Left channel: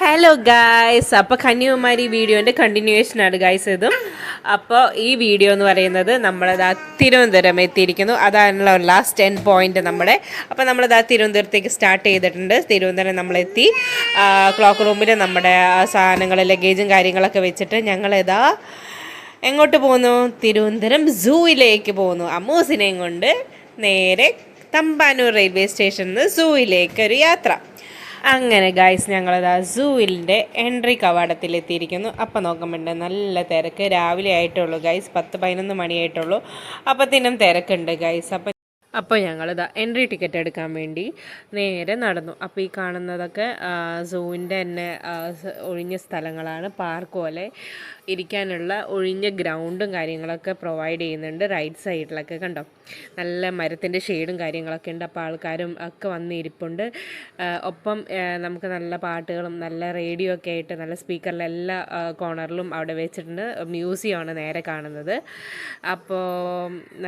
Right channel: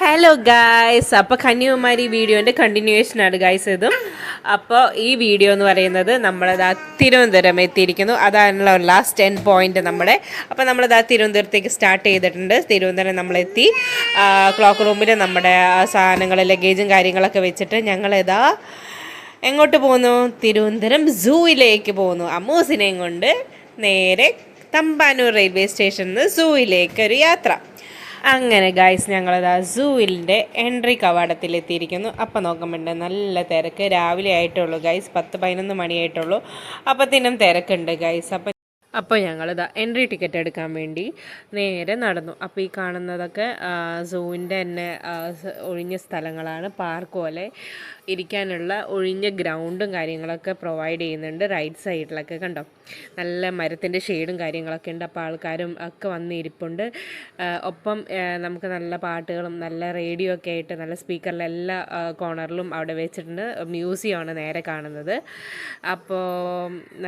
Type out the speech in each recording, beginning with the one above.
Hello guys, അപ്പോൾ കന്യാകുമാരി വീഡിയോൻ്റെ കണ്ടിന്യൂവേഷനാണ് guys ഇതും. അപ്പോൾ ഈ വീഡിയോ എന്ന് പറയുന്നത് നമ്മളതാ തിരുവനന്തപുരം എത്തിയിരിക്കുന്നു. അതാണല്ലോ ലാസ്റ്റ് 10 പോയിന്റ് നമ്മുടെ. അപ്പോൾ നമ്മളിതാ തിരുവനന്തപുരത്തേക്ക് സ്റ്റാർട്ട് ചെയ്തിട്ടുണ്ട്. തിരുവനന്തപുരം നമ്മളെത്തി. ക്ലോക്ക് റൂമിൽ നമ്മുടെ സാധനങ്ങൾ ലഗേജും കാര്യങ്ങളൊക്കെ വെച്ചിട്ട് ഞങ്ങളിതാ എങ്ങോട്ട് പോകുന്നു? തിരുവനന്തപുരം സൂയിലേക്ക് പോകുന്നു. അമ്മൂസിനെയും കൊണ്ട് നേരെ തമ്പാനൂർ റെയിൽവേ സ്റ്റേഷനിൽ നിന്ന് സൂയിലേക്ക് ഒരു യാത്ര. അങ്ങനെ ഗായ്സ് ഞങ്ങളത് സൂവിൻ്റെ എൻട്രി കവാടത്തിലെത്തിയിരിക്കുന്നു. അപ്പം നോക്കുമ്പോണ്ട് നല്ല തിരക്ക്. രാവിലെ ആയിട്ടുള്ളൂ ഗായ്സ്, 10-11 മണിയായിട്ടുള്ളൂ. അപ്പത്തിനും തിരക്കുണ്ട് ഗായ്സ്. അപ്പോൾ ഞങ്ങളിതാ എൻട്രി ടിക്കറ്റ് എടുക്കാൻ വേണ്ടി നേരെ നടന്നു. അപ്പോൾ ഈ കാണുന്നതൊക്കെ സൂവിൻ്റെ തന്നെ ഒഴിഞ്ഞ സ്ഥലങ്ങളാണ്. പാർക്ക് പോലെ ഇരിക്കാനുള്ള ഒഴിഞ്ഞ ഗ്രൗണ്ടും കാര്യങ്ങളൊക്കെ പ്രൊവൈഡ് ചെയ്യുന്നുണ്ട് റൈറ്റ് സൈഡിലൊക്കെ. കണ്ടോ, നല്ല മരത്തിൻ്റെ ഷെയ്ഡും കാര്യങ്ങളൊക്കെ ഉണ്ട്. അപ്പോൾ ആൾക്കാരും ഒക്കെ വന്ന് ഇരിപ്പുണ്ട്. ഒപ്പം നമുക്ക് നല്ല പാട്ടുകളും നല്ല റേഡിയോ ഒക്കെ ആയിട്ട് നല്ല സ്പീക്കറിൽ എല്ലാ കോർണറിലും അവിടെ വെച്ചിട്ടുണ്ട്. മ്യൂസിയമാണ് നേരെ കാണുന്നത്. അപ്പോൾ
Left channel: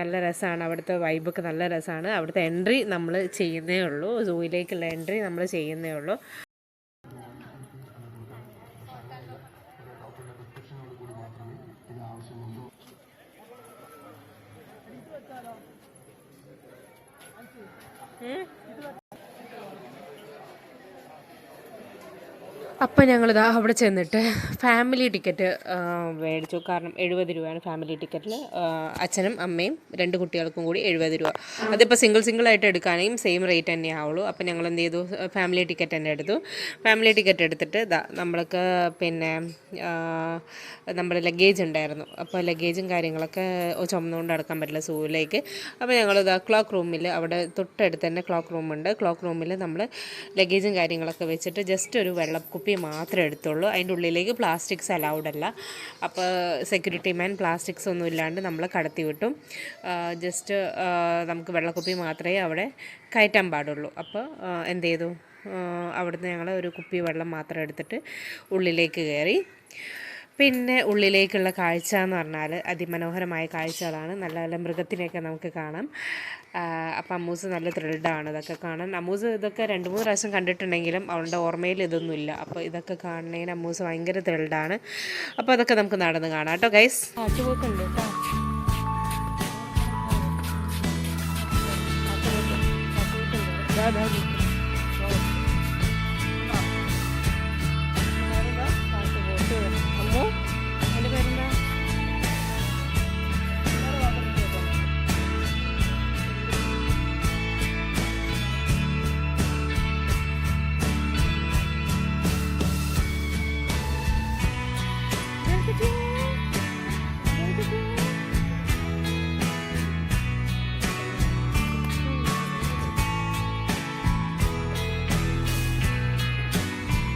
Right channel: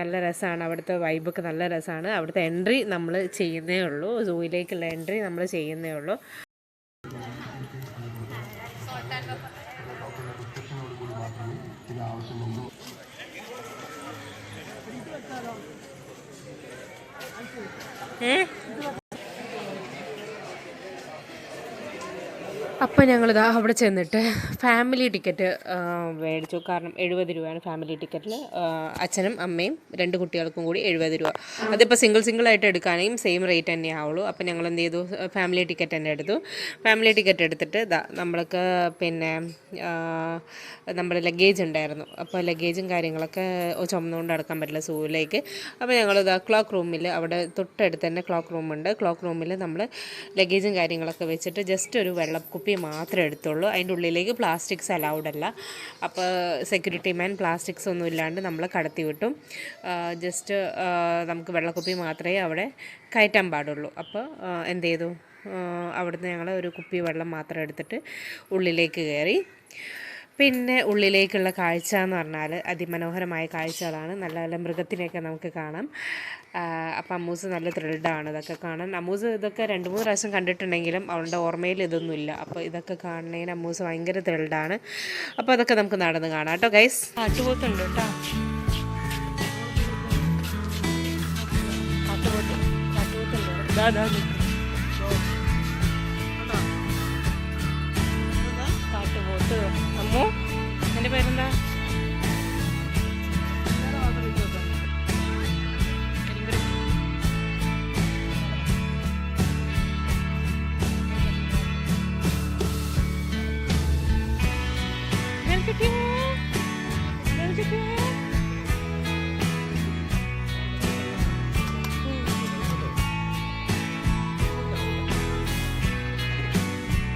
നല്ല രസമാണ്, അവിടുത്തെ വൈബൊക്കെ നല്ല രസമാണ്. അവിടുത്തെ എൻട്രി നമ്മൾ ചെയ്യുന്നേ ഉള്ളൂ, സൂയിലേക്കുള്ള എൻട്രി നമ്മൾ ചെയ്യുന്നേ ഉള്ളൂ. അപ്പോൾ ഞങ്ങളിതാ അവിടെ ചെന്നിട്ട് ഫാമിലി ടിക്കറ്റ് മേടിച്ചു. കാരണം 70 രൂപയാണ് ഫാമിലി ടിക്കറ്റിൽ. അച്ഛനും അമ്മയും 2 കുട്ടികൾക്കും കൂടി 70 രൂപ. അതിപ്പോൾ സിംഗിളായിട്ട് എടുക്കുകയാണെങ്കിൽ സെയിം റേറ്റ് തന്നെ ആവുള്ളൂ. അപ്പോൾ ഞങ്ങൾ എന്ത് ചെയ്തു, ഫാമിലി ടിക്കറ്റ് തന്നെ എടുത്തു. ഫാമിലി ടിക്കറ്റ് എടുത്തിട്ട് നമ്മൾക്ക് പിന്നെ നമ്മുടെ ലഗേജ് ഉണ്ടായിരുന്നു. അപ്പോൾ ലഗേജും കാര്യങ്ങളൊക്കെ ചുമന്നുകൊണ്ട് നടക്കാൻ പറ്റില്ല സൂവിലേക്ക്. അപ്പോൾ ഞങ്ങളിതാ ക്ലോക്ക് റൂമിൽ, അവിടെ തൊട്ടടുത്ത് തന്നെ ക്ലോക്ക് റൂമുണ്ട്. ക്ലോക്ക് റൂമിൽ നമ്മൾ ലഗേജും കാര്യങ്ങളൊക്കെ വെച്ചിട്ട് ജസ്റ്റ് ഒരു വെള്ളക്കുപ്പി മാത്രമേ എടുത്തുള്ളൂ. അതിൻ്റെ ഉള്ളിലേക്ക് പ്ലാസ്റ്റിക്സ് അലൗഡ് അല്ല. അപ്പോൾ സെക്യൂരിറ്റി മാൻ പ്ലാസ്റ്റിക്സ് ഒന്നും ഇല്ലാണ്ട് നമ്മളെ കടത്തി വിട്ടും. ജസ്റ്റ് നമുക്ക് വെള്ളക്കുപ്പി മാത്രമേ അവിടെ കയറ്റാൻ പാടുള്ളൂ. അപ്പോൾ എന്ത് ചെയ്തു, അവിടുന്ന് ഞങ്ങൾ ഒരു കുപ്പി വെള്ളം മാത്രം എടുത്തിട്ട് ഉള്ളിലേക്ക് കയറി. പിന്നെ ഉള്ളിലേക്കുള്ള കാഴ്ച എന്ന് പറഞ്ഞാൽ അതിമനോഹരമായ കാഴ്ചകളാണ്. നല്ല നല്ല മൃഗത്തിനെയൊക്കെ നമുക്ക് കാണാം. അപ്പം അമ്മൂസ് നല്ല ത്രില്ഡാണ് ഇതൊക്കെ കാണാൻ. അമ്മൂസ് ഇതൊക്കെ 2-3 പ്രാവശ്യം കണ്ടിട്ടുണ്ടെങ്കിലും അവളുടെ ഓർമ്മയിൽ ഇതൊന്നുമില്ല. അപ്പോൾ ഇതൊക്കെ കാണുന്നതിന് അമ്മൂസ് ഭയങ്കര ത്രില്ഡാണ്. അപ്പോൾ അതൊക്കെ നമുക്ക് നടന്ന് കാണാം കേട്ടോ ഗൈസ്. കാട്ടുപോത്തുണ്ട് കേട്ടോ, കാട്ടുപോത്തുണ്ട്. അമ്മോ, എൻ്റെ പേരെന്താ?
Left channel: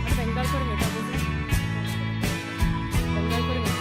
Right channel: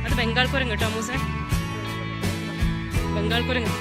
അത് ബംഗാൾ കുരങ്ങ് കേട്ടോ മൂസേ, ബംഗാൾ കുരങ്ങ്.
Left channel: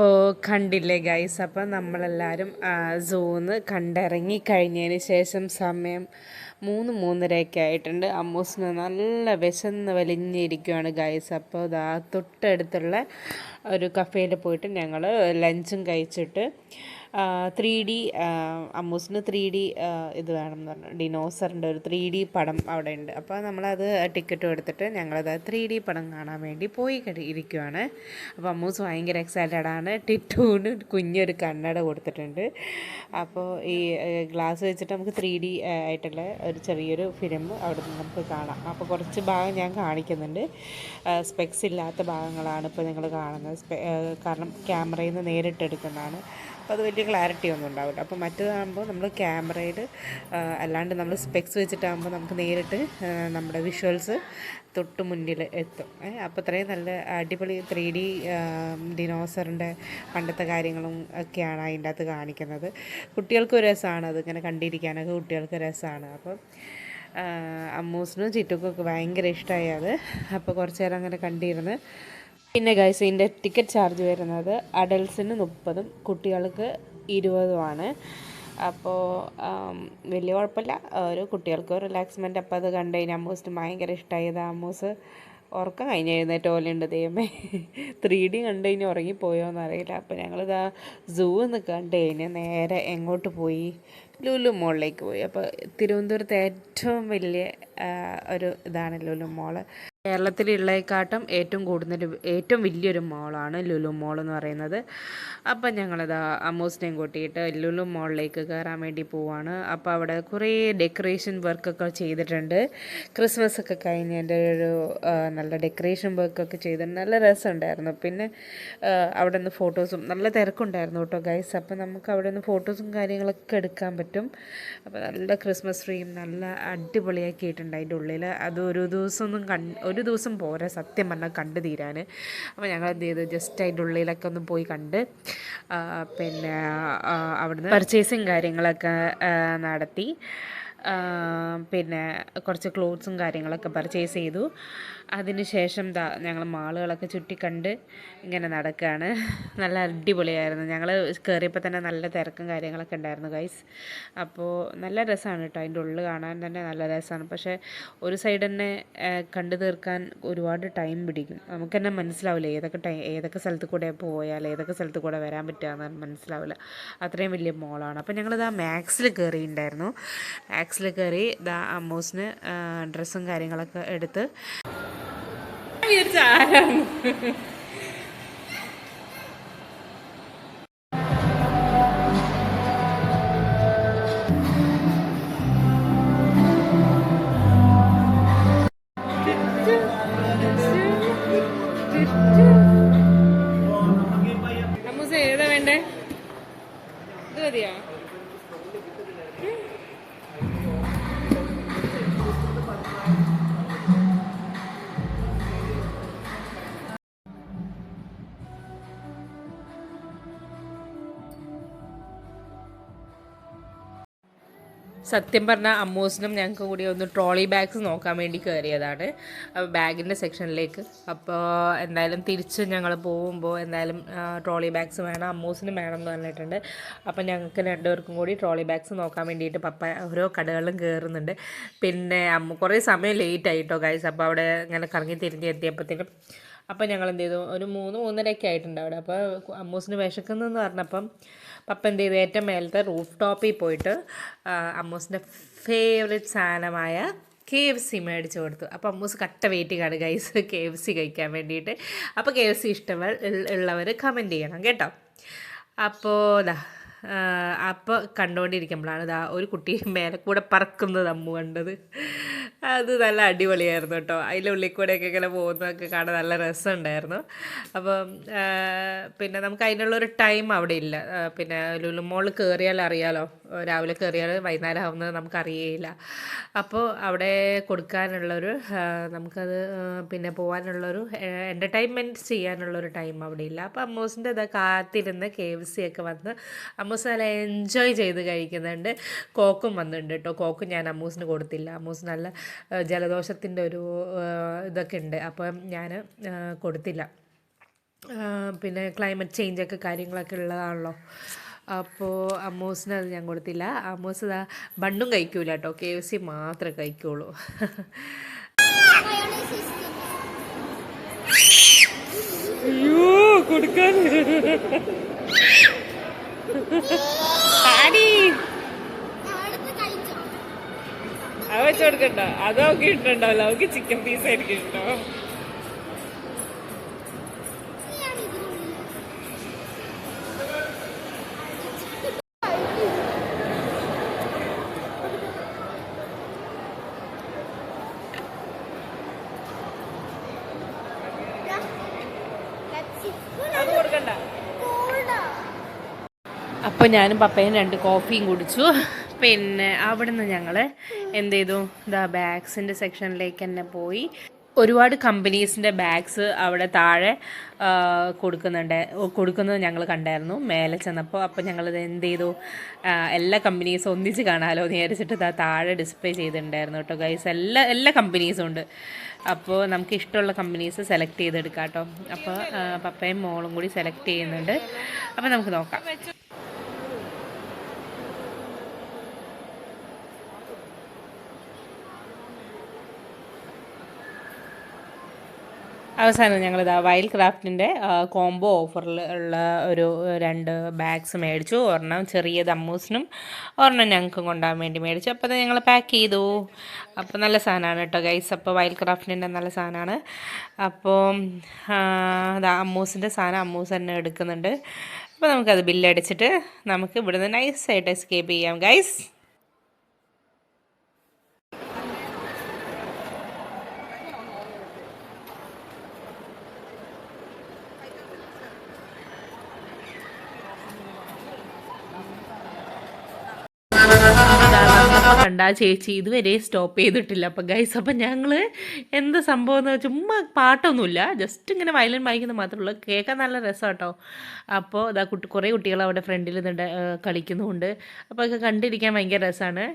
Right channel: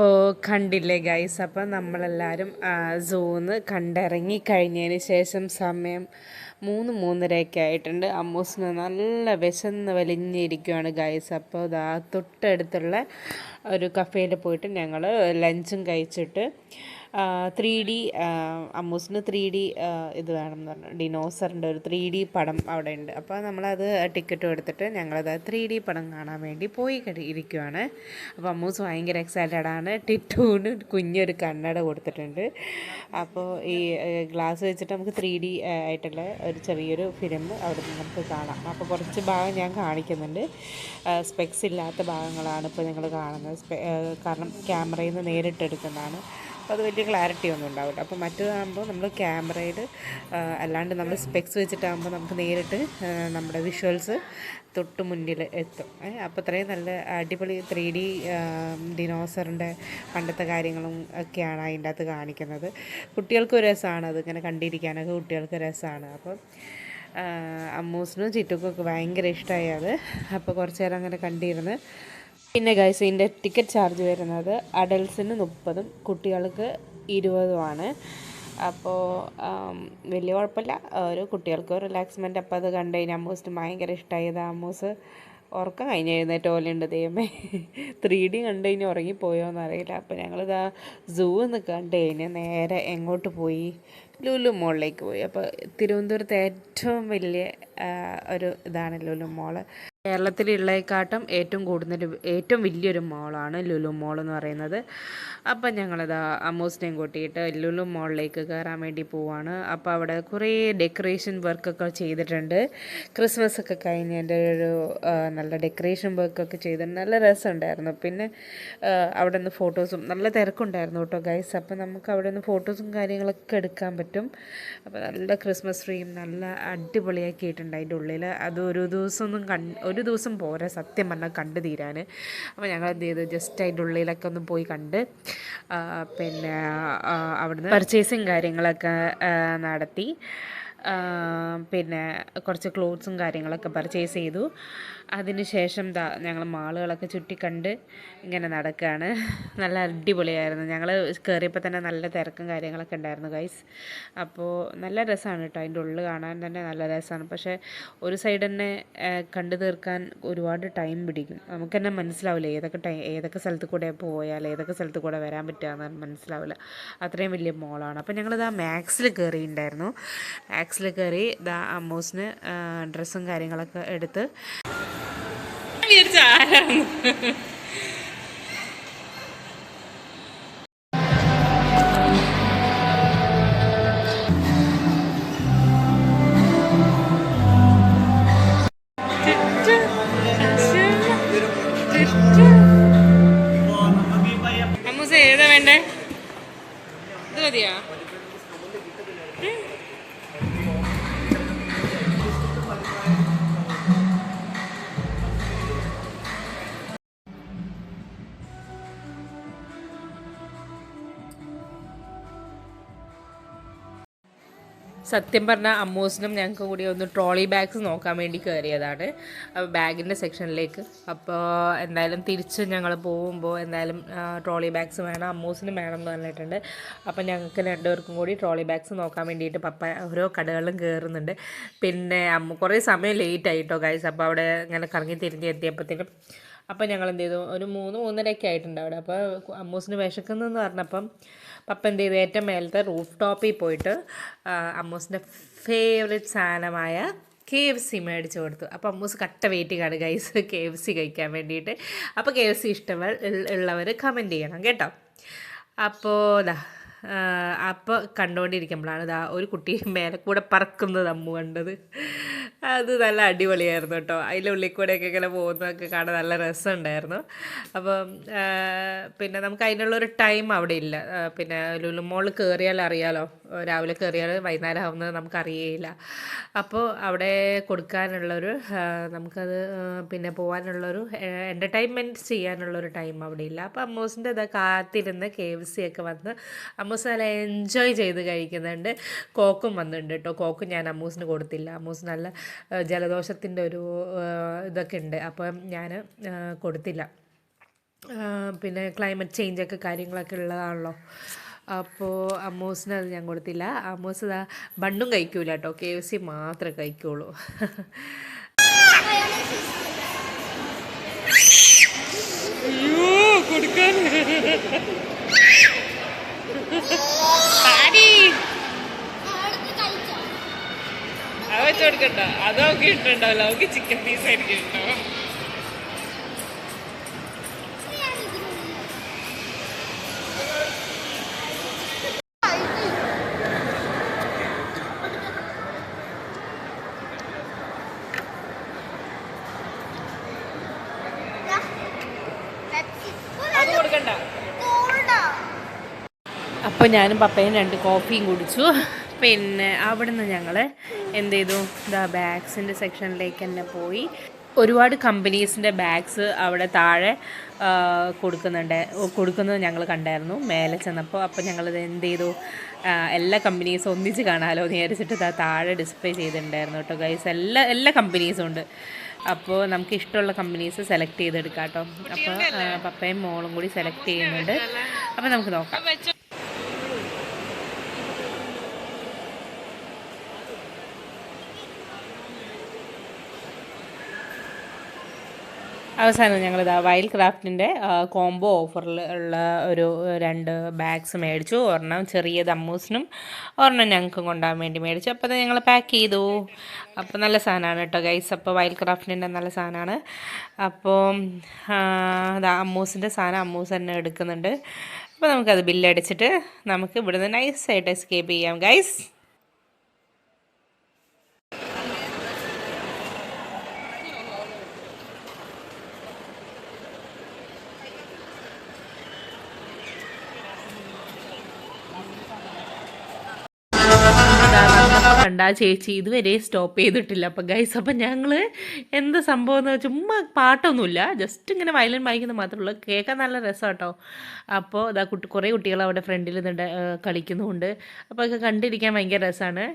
അപ്പോൾ കണ്ടില്ലേ ഗൈസ്, അപ്പം നമ്മളെല്ലാവരും സൂന്ന് കണ്ടിറങ്ങി കഴിഞ്ഞതിന് ശേഷം സമയം 3-3:30 ആയിട്ടുണ്ട്. അമ്മൂസിന് നല്ല വിശന്ന് വലിഞ്ഞിരിക്കുകയാണ് ഗൈസ്. അപ്പോൾ ഇതാ തൊട്ടടുത്തുള്ള ഒരു കഫേയിൽ പോയിട്ട് ഞങ്ങൾ ലഞ്ചും കഴിച്ചിട്ട് 3D അമ്മൂസിന് 3D ഇത് വേണമെന്ന് പറഞ്ഞു, ഡിനോസറിൻ്റെ ഒരു 3D പടം അവിടെ ഉണ്ട്. അപ്പോൾ നമ്മളത് ടിക്കറ്റും എടുത്തിട്ട് ഞങ്ങളത് 3D പടം കാണാൻ വേണ്ടി പോയി ഇരിക്കുവാണ്. അപ്പോൾ അമ്മൂസ് ഭയങ്കര എക്സൈറ്റഡാണ്. ടിറ്റൂന് കുഞ്ഞൊരു കണ്ണട കൊടുത്തിട്ടുണ്ട്. അപ്പോൾ ഈ ഗ്ലാസ് വെച്ചിട്ട് നമുക്ക് 3D ആയിട്ടുള്ള ഒരു ചെറിയൊരു ഫിലിം അവിടെ നിന്ന് നമുക്ക് കാണാം. അപ്പോൾ കുറച്ച് ഭാഗം ഞാൻ കാണിക്കുന്നുണ്ട്. സ്പെക്സ് ഇല്ലാത്ത ഭാഗങ്ങളാണ് ഇപ്പോൾ നിങ്ങൾ കാണുന്നത്. കാരണം ക്യാമറയിൽ നിന്ന് നേരിട്ടെടുക്കുന്നതാണ്. അപ്പോൾ അത് വലിയ ക്ലാരിറ്റി ഒന്നും ഉണ്ടാവില്ല. അപ്പോൾ മറ്റേതാകുമ്പോൾ നമ്മൾ ക്യാമറയിൽ അല്ലാണ്ട് നമ്മൾ സ്പെക്സ് വെച്ചിട്ടാകുമ്പോൾ നമുക്ക് നേരിട്ട് നമ്മുടെ വിഷ്വൽസ് തൊട്ട് മുന്നിൽ എത്തും. അപ്പോൾ അത്രയും നല്ല അടിപൊളി 3D ഡിനോസറിൻ്റെ പണ്ടത്തെ കാര്യങ്ങളും ഒക്കെയാണ് അതിൻ്റെ അകത്ത് കാണിക്കുന്നത്. കുട്ടികൾക്കൊരു രസമാണ് അതിങ്ങനെ കണ്ടിരിക്കാനൊക്കെ, കുട്ടികൾക്ക് രസമാണ്. അപ്പം അമ്മൂസിനും ചിറ്റുക്കൊക്കെ ഭയങ്കര ഇഷ്ടമായി അത്. അപ്പോൾ കുറച്ച് നേരം അങ്ങനെ കണ്ടിരുന്ന്. പിന്നെ ഗൈസ്, ഇതിൻ്റെ ടിക്കറ്റ് ചാർജ് വരുന്നത് അഡൽട്ട്സിന് 30 കുട്ടികൾക്ക് 20 അപ്പോൾ വലിയ കുഴപ്പമില്ല. ഒരു കുട്ടികൾക്ക് റിലാക്സ്മെൻറ്റ്. അപ്പോൾ അത് കണ്ടു കഴിഞ്ഞാൽ അമ്മൂസിന് ഭയങ്കര ഇഷ്ടമായത്. അമ്മൂസ് ഉറക്കം കഴിഞ്ഞ് എഴുന്നേറ്റ് പോലെയുണ്ട്. ദൈവമേ, 3D കണ്ടു കഴിഞ്ഞ് ഉറങ്ങിപ്പോയോ എന്നറിയില്ല. അപ്പോൾ ഞങ്ങളിതാ സൂ എന്ന് കണ്ടു കഴിഞ്ഞാൽ നേരെ എങ്ങോട്ട് പോയി, ലുലു മോളിലേക്ക് പോയി. അപ്പോൾ തിരുവനന്തപുരത്ത് ഏറ്റവും വലിയ ഒരു ഇതാണ് ലുലു മോള്. കേരളത്തിലുള്ളതിനെക്കാട്ടും ഏറ്റവും വലിയൊരു മോളാണ് ലുലു മോൾ എന്ന് പറയുന്നത്. അപ്പം ഞങ്ങളിതാ അമ്മൂസിനെയും കൂട്ടിയിട്ട് ലുലു മോളിലേക്ക് കയറാൻ വേണ്ടി പോവാണ്. അപ്പോൾ അവിടെ കുറേ ഡെക്കറേഷൻ വർക്കൊക്കെ ചെയ്തിട്ടുണ്ട്. ക്രിസ്മസ് ഒക്കെ കഴിഞ്ഞതിൻ്റെ ഒരു നല്ല ഡെക്കറേഷൻ വർക്കൊക്കെ ചെയ്തിട്ടുണ്ട്. നല്ല രസമുണ്ടായിരുന്നു. പിന്നെ അവിടെ നിന്ന് ഫോട്ടോസും നല്ല തിരക്കുണ്ടായിരുന്നു കേട്ടോ ഗൈസ്. അപ്പോൾ നമുക്ക് അവിടെ നിന്ന് ഫോട്ടോസും കാര്യങ്ങളൊക്കെ എടുക്കാൻ പറ്റും. അപ്പോൾ നല്ല ക്രിസ്മസ് ട്രീയും നല്ല അടിപൊളിയാക്കിയിട്ടുണ്ട് അതിൻ്റെ ഉള്ളിൽ. അത് ഒരു ദിവസം പോരാ സത്യം പറഞ്ഞാൽ കണ്ടു തീരാൻ. അപ്പോൾ ഞങ്ങൾ എന്ത് ചെയ്തു, ജസ്റ്റ് അതിൻ്റെ ഉള്ളിലൊക്കെ ഒന്ന് പോയി കണ്ട് പിന്നെ അവിടുന്ന് പർച്ചേസിങ് കാര്യങ്ങളൊക്കെ നടത്തി. പിന്നെ കുറച്ച് ക്ലോത്ത്സും കാര്യങ്ങളൊക്കെ പർച്ചേസ് ചെയ്തു. അതിനുശേഷം ഞങ്ങൾ മാളുകളൊക്കെ ചുറ്റിക്കണ്ട് ഇങ്ങനെ നടക്കുകയാണ്. നല്ല അടിപൊളിയായിരുന്നു. ഞങ്ങൾ കയറിയപ്പോൾ തന്നെ നല്ല തിരക്കും കാര്യങ്ങളൊക്കെ ഉണ്ടായിരുന്നു ഗൈസ്. അപ്പോൾ നല്ല രസമാണ് കേട്ടോ, അതിൻ്റെ ഉള്ളിൽ കാണാൻ തന്നെ നല്ല രസമാണ്. പക്ഷേ ഒരു സൈഡ് തന്നെ കണ്ടു തീർക്കാൻ ഒരുപാട് ടൈം പിടിക്കും. നമുക്ക് തന്നെ മനസ്സിലാവില്ല ഏതൊക്കെ സ്ഥലത്ത് കൂടെ പോയാൽ ഏതൊക്കെ സ്ഥലത്ത് കൂടെ വരാൻ പറ്റുകയെന്ന് മനസ്സിലാവില്ല. അത്രയും വലിയ മോളാണ്. അപ്പോൾ ഞങ്ങളിതാ മാക്സിൽ കയറിയിട്ടുണ്ടായിരുന്നു. മാക്സിൽ കയറി അമ്മൂസിന് ഡ്രസ്സും കാര്യങ്ങളൊക്കെ എടുത്ത് ആരാണ് അമ്മൂസ ഏതാ വേണ്ടേ? ഇത് മതിയാ? സത്യം പറഞ്ഞാൽ അമ്മൂസിനും ഞങ്ങൾക്ക് കൂടി ഒന്ന് ട്രോളി ബാഗ്സ് നോക്കാൻ വേണ്ടി കയറിയതാണ് ബാഗിൻ്റെ സെക്ഷനിലേക്ക്. അപ്പോൾ എന്തായാലും തിരിച്ച് ഞങ്ങൾ പോകുമ്പോൾ എന്തായാലും ട്രോളി ബാഗ്സ് വേണം, അമ്മൂസിനും വേണം എന്ന് പറഞ്ഞിട്ടുണ്ട്. അപ്പോൾ ഞങ്ങൾക്ക് രണ്ടുപേർക്കും കൂടി ട്രോളി ബാഗ്സ് നോക്കാൻ വേണ്ടിയിട്ട് പപ്പ ഓരോ കടകളിലും കയറുന്നുണ്ട്. പിന്നെ കുറേ സമയം ലേറ്റ് ആയിട്ടോ ഗൈസ്. അപ്പോൾ അവിടെ ഇങ്ങനെ കറങ്ങി തിരിഞ്ഞ് എത്തിയപ്പോഴത്തേനും അപ്പോൾ ഞങ്ങൾ എന്ത് ചെയ്തു, ഒരു 3-3:30 ആയിട്ടുണ്ട് അവിടെ. അപ്പോൾ അമ്മൂസിന് വിശക്കുന്നെന്ന് പറഞ്ഞപ്പം പപ്പ എന്ത് ചെയ്തു, ഏറ്റവും മേലത്തെ റൂഫ് ടോപ്പിൽ പോയിട്ട് അമ്മൂസിൻ്റെ ഫേവറേറ്റ് സാധനമായ KFC മേടിച്ച് കൊടുത്തു. അപ്പോൾ അമ്മൂസ് കട്ട വെയിറ്റിംഗാണ് ഗൈസ് KFC കഴിക്കാൻ വേണ്ടിയിട്ട്. അപ്പോൾ KFC ഉള്ളവർ കമൻറ്റ് ചെയ്യണം കേട്ടോ. അപ്പോൾ അപ്പോൾ കണ്ടുകൊണ്ടിരിക്കുമ്പോഴാണ് ഒരു കുട്ടി മേലെ കൂടെ പറക്കുന്നത് അമ്മു കണ്ടത്. അത് നല്ല അടിപൊളിയായിരുന്നു കേട്ടോ. അതിൻ്റെ ഉള്ളിൽ കൂടെയൊക്കെ ഇങ്ങനെ പോകുന്നതൊക്കെ കാണാൻ നല്ല രസമുണ്ടായിരുന്നു. അപ്പം പിന്നെ നമുക്ക് അതിനുള്ളൊരു ടൈം അവിടെ ഇല്ല. പിന്നെ ലുലു മോളിൽ കയറിയാൽ അറിയാലോ, രാവിലെ കയറിയാൽ വൈകുന്നേരം ആവുന്നത് നമുക്കറിയേയില്ല. അപ്പോൾ അവിടെ കൊടുക്കാനുള്ളൊരു നമുക്കത് പിന്നെ പോകാനുള്ളൊരു എൻ്റർടൈൻമെൻറ്റ് ചെയ്യാനുള്ളൊരു ടൈം അവിടെ ഇല്ല. അപ്പോൾ അമ്മൂസിൻ്റെ കാത്തിരുന്ന് KFC ഒക്കെ വന്ന് അമ്മൂസ് നല്ല എൻജോയ് ചെയ്ത് കഴിക്കുന്നുണ്ട്. കോക്കും വന്നിട്ടുണ്ട് കേട്ടോ. കോക്കും ഞാൻ അമ്മൂസിന് കൊടുത്തില്ല. അമ്മൂസ് നല്ല ജലദോഷത്തിൻ്റെ ഒരു ഇതൊക്കെ ഉണ്ട്, അപ്പം ഞാൻ കൊടുത്തില്ല. പിന്നെ ക്ലൈമറ്റ് ചേഞ്ചൊക്കെ കാര്യങ്ങളൊക്കെ ഉള്ളതാണല്ലോ. അപ്പോൾ അമ്മൂസിന് അത് ഞാൻ കൊടുത്തില്ല. അമ്മൂസ് ഇതാ ബണ്ണും കഴിക്കൂല കേട്ടോ, KFC മാത്രമേ കഴിക്കുള്ളൂ. കൊടുക്കാൻ അത് വെച്ച് കൊടുക്കണ്ട, അതൊക്കെ ഇട്ടുണ്ടാവല്ലോ, അവർക്ക് ചിക്കൻ പീസ് ആയിരിക്കും ഇട്ടോ. അപ്പോൾ ഞാനും പപ്പയും 2 കോഫിയും കുടിച്ചു. പിന്നെ അവിടുന്ന് ഞങ്ങൾ എന്ത് ചെയ്തു, ഇതാ ബാഗ്സിൻ്റെ സെക്ഷനിലേക്ക് തന്നെ പോയി. ഒരുപാട് കമ്പനീസിൻ്റെ ബാഗ്സ് അവിടെ താഴെ കൊടുക്കുന്നത് ഞങ്ങൾ കണ്ടായിരുന്നു മേലെ ചെന്നപ്പോൾ. അപ്പോൾ ഞങ്ങളിത് എന്ത് ചെയ്തു, എല്ലാ കമ്പനീസും ഒന്നിച്ച് കാണാമല്ലോ എന്ന് വിചാരിച്ചിട്ട് താഴെ ഡിസ്പ്ലേ ചെയ്തിട്ടുണ്ടായിരുന്നു കേട്ടോ ഗൈസ്. എല്ലാ കമ്പനീസും ഉണ്ട്. അപ്പോൾ നമുക്ക് ഇഷ്ടമുള്ള കമ്പനീസ് സെലക്ട് ചെയ്തെടുക്കാം കേട്ടോ. അപ്പോൾ പപ്പയും മോളും കൂടി സെലക്ട് ചെയ്യുന്നുണ്ട്. അപ്പോൾ നമുക്ക് നോക്കാം. അവസാനം ഞങ്ങളിതാ വൈൽഡ് ക്രാഫ്റ്റിൻ്റെ കോംബോ ഓഫറിൽ ഉള്ള ഒരു 2 ബാഗ്സ് മേടിച്ചു. ഒരെണ്ണം ചെറിയത് അമ്മൂസിനും ഒരെണ്ണം ഞങ്ങൾക്കും കൊണ്ടുപോകാൻ വേണ്ടി മേടിച്ചു. അപ്പോൾ അത് ഞങ്ങൾ പാക്ക് ചെയ്തു. അപ്പോൾ നല്ല സാധനമാണ് കേട്ടോ ഗൈസ്. അപ്പോൾ വൈൽഡ് ക്രാഫ്റ്റിൻ്റെ നല്ല സാധനമാണ്. അപ്പോൾ അമ്മൂസിൻ്റെ സാധനം അമ്മൂസ് തന്നെ എടുക്കുന്നുണ്ട്. അപ്പോൾ നമുക്കത് ബില്ലടിച്ചിട്ട് നമുക്ക് ഇവിടുന്ന് നൈസായിട്ട് എസ്കേപ്പ് ചെയ്യാം ഗൈസ്. കണ്ട ചേച്ചി ഇതുവരെ സ്റ്റോപ്പ് ചെയ്തിട്ടില്ല. അപ്പം ഗൈസ്, അപ്പം ഞങ്ങൾ എന്ത് സംഭവം എന്ന് വെച്ചാൽ ചുമ്മാ പാട്ടൊന്നുമില്ല, ജസ്റ്റ് ഇങ്ങനെ വയലിൻ വായിക്കുന്നത് മാത്രമേ ഉള്ളൂ. കേൾക്കാൻ നല്ല രസം കേട്ടോ. അപ്പോൾ ഇതാ കുറേ കുട്ടികൾ അവിടെ ഫ്രണ്ടിൽ നിന്നുണ്ട് കളിക്കുന്നുമുണ്ട്. അപ്പോൾ ഒക്കെ കണ്ടിരിക്കാൻ ഭയങ്കര രസമാണ്.